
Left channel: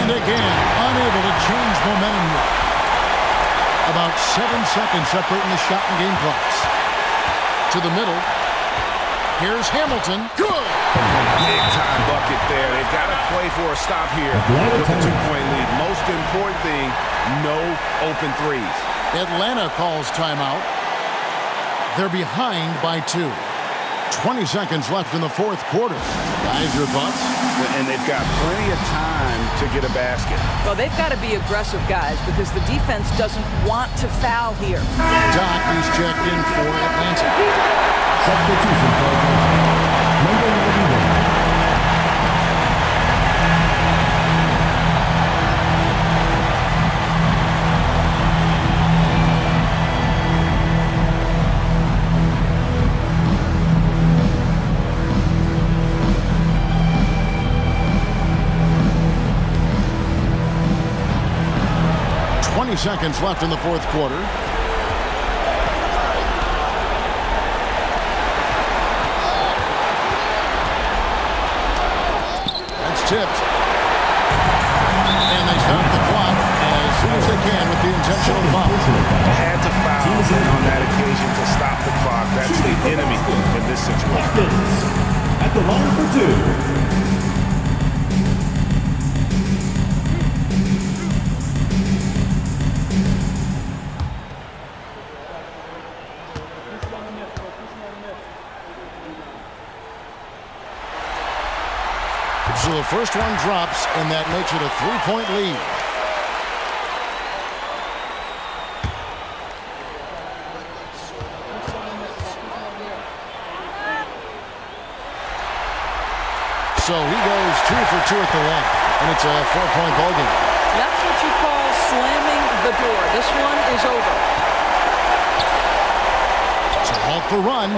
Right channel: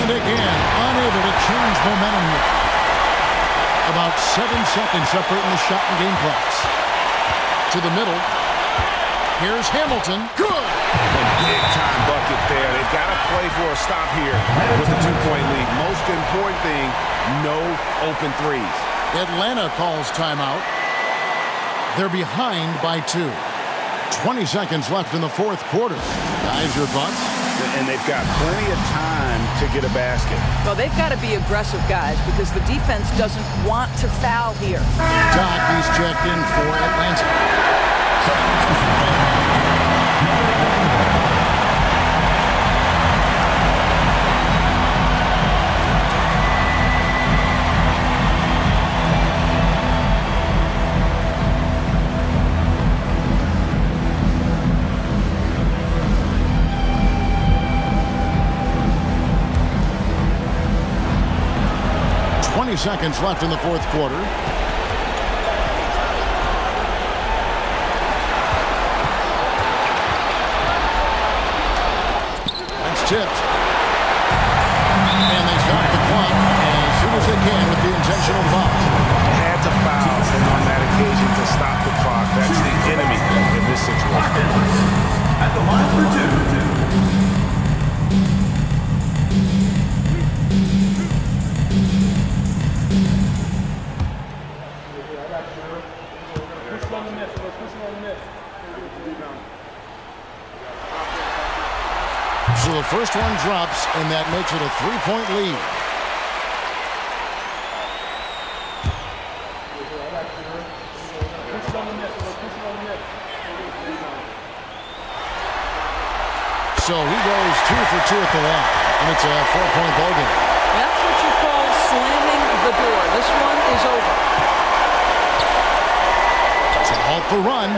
And again, unable to change momentum here. About 7 seconds separating the shot and game clocks. To the middle. Here's Hamilton. Good! A big-time bucket there. They've got to play for a stop here with the 2-point lead. Most important thing, no open threes. Atlanta calls timeout. They're behind by 2. 20 seconds left in the fourth quarter. Guys, your thoughts? And they've got plenty of time to get a basket. Well, they've got to be aggressive, guys, because the defense doesn't want to foul here. Doc, he's checked in for Atlanta. Substitution foul. Number 99. 20 seconds left in the fourth quarter. That's tipped. And they stop the clock as soon as they can with the intentional foul. Had to foul, and on that occasion to stop the clock. That's the enemy in this situation. At the line for 2. So the first one drops, and that makes it a 3-point lead. So he goes 2 for 2 at the line, and it's a 4-point ball game. That's what you call slamming the door. This one is over. To halt the run,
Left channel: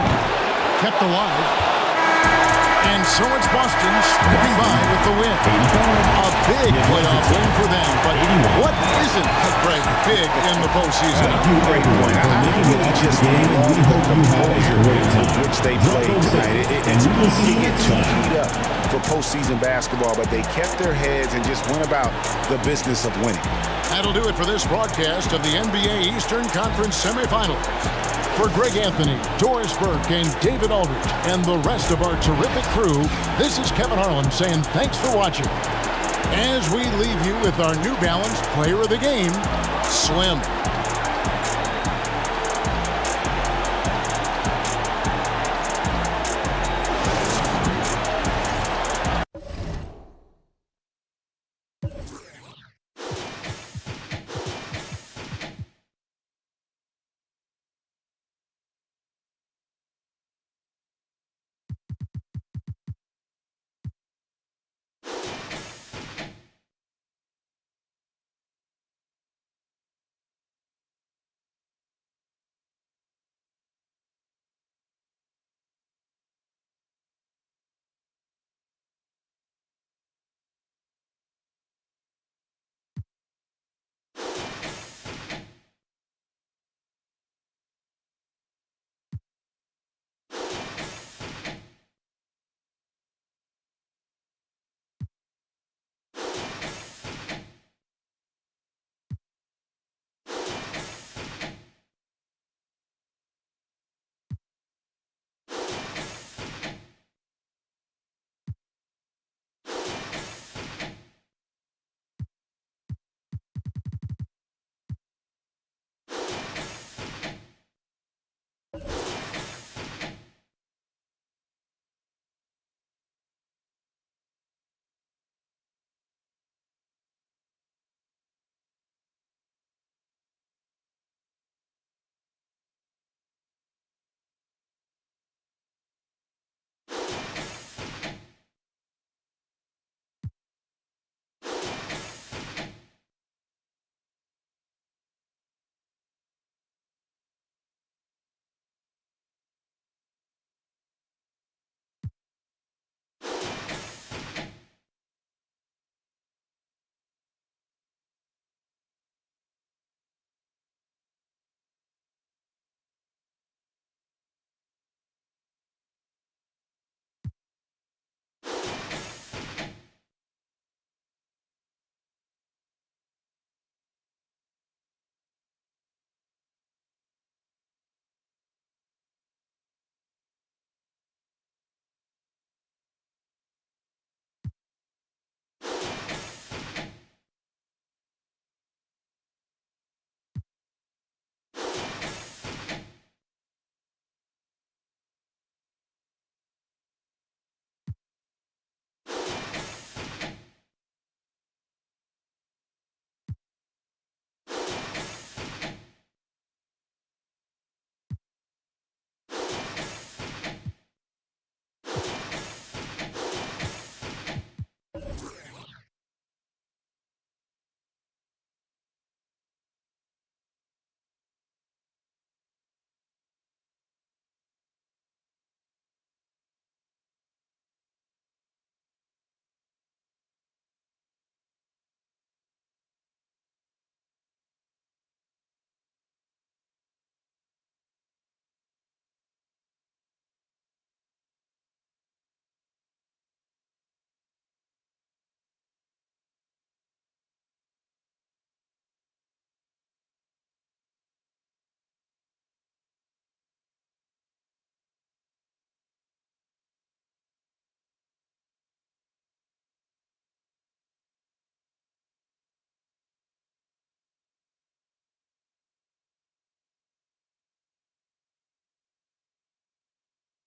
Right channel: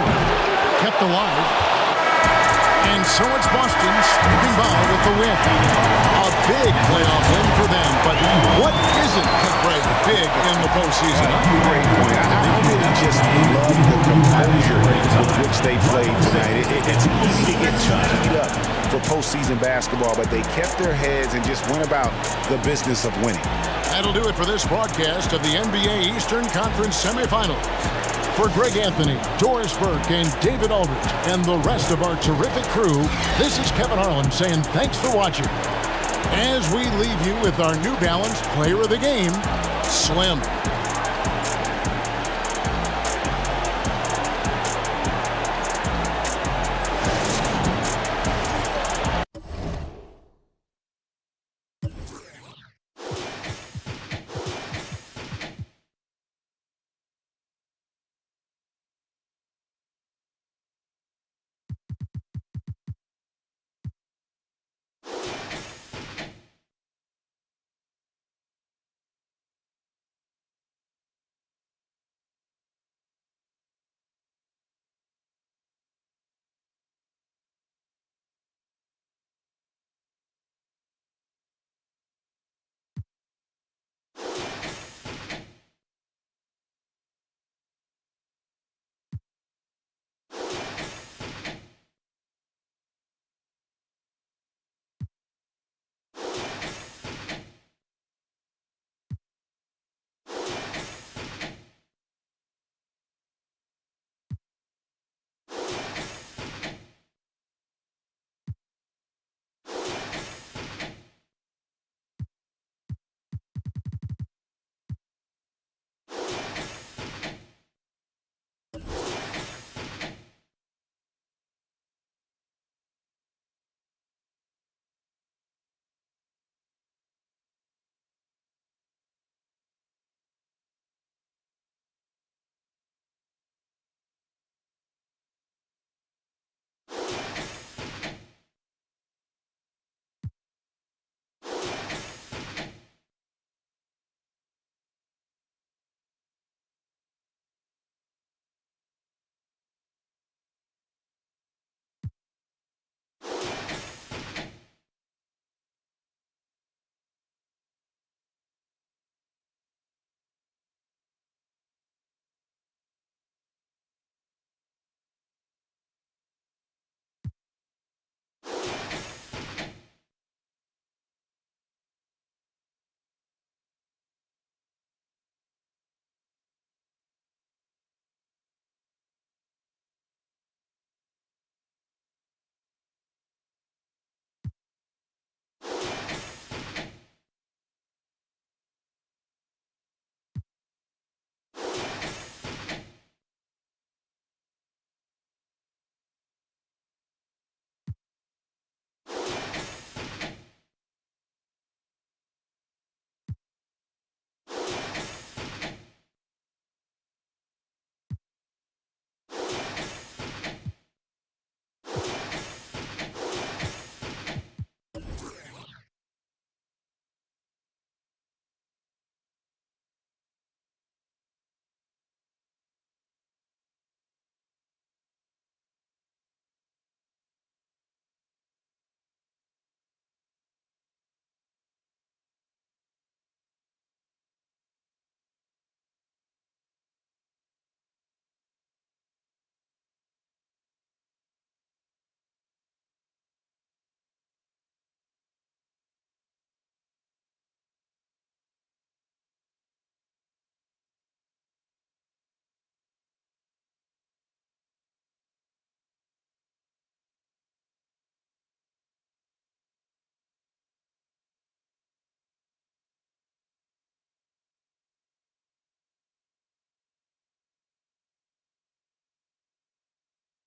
kept alive. And so it's Boston sweeping by with the win. A big playoff win for them, but what isn't, Greg, big in the postseason? Great point. I really just love the composure with which they played tonight. It's easy to get too keyed up for postseason basketball, but they kept their heads and just went about the business of winning. That'll do it for this broadcast of the NBA Eastern Conference semifinals. For Greg Anthony, Doris Burke, and David Aldridge, and the rest of our terrific crew, this is Kevin Harlan saying thanks for watching. As we leave you with our New Balance Player of the Game, Slim.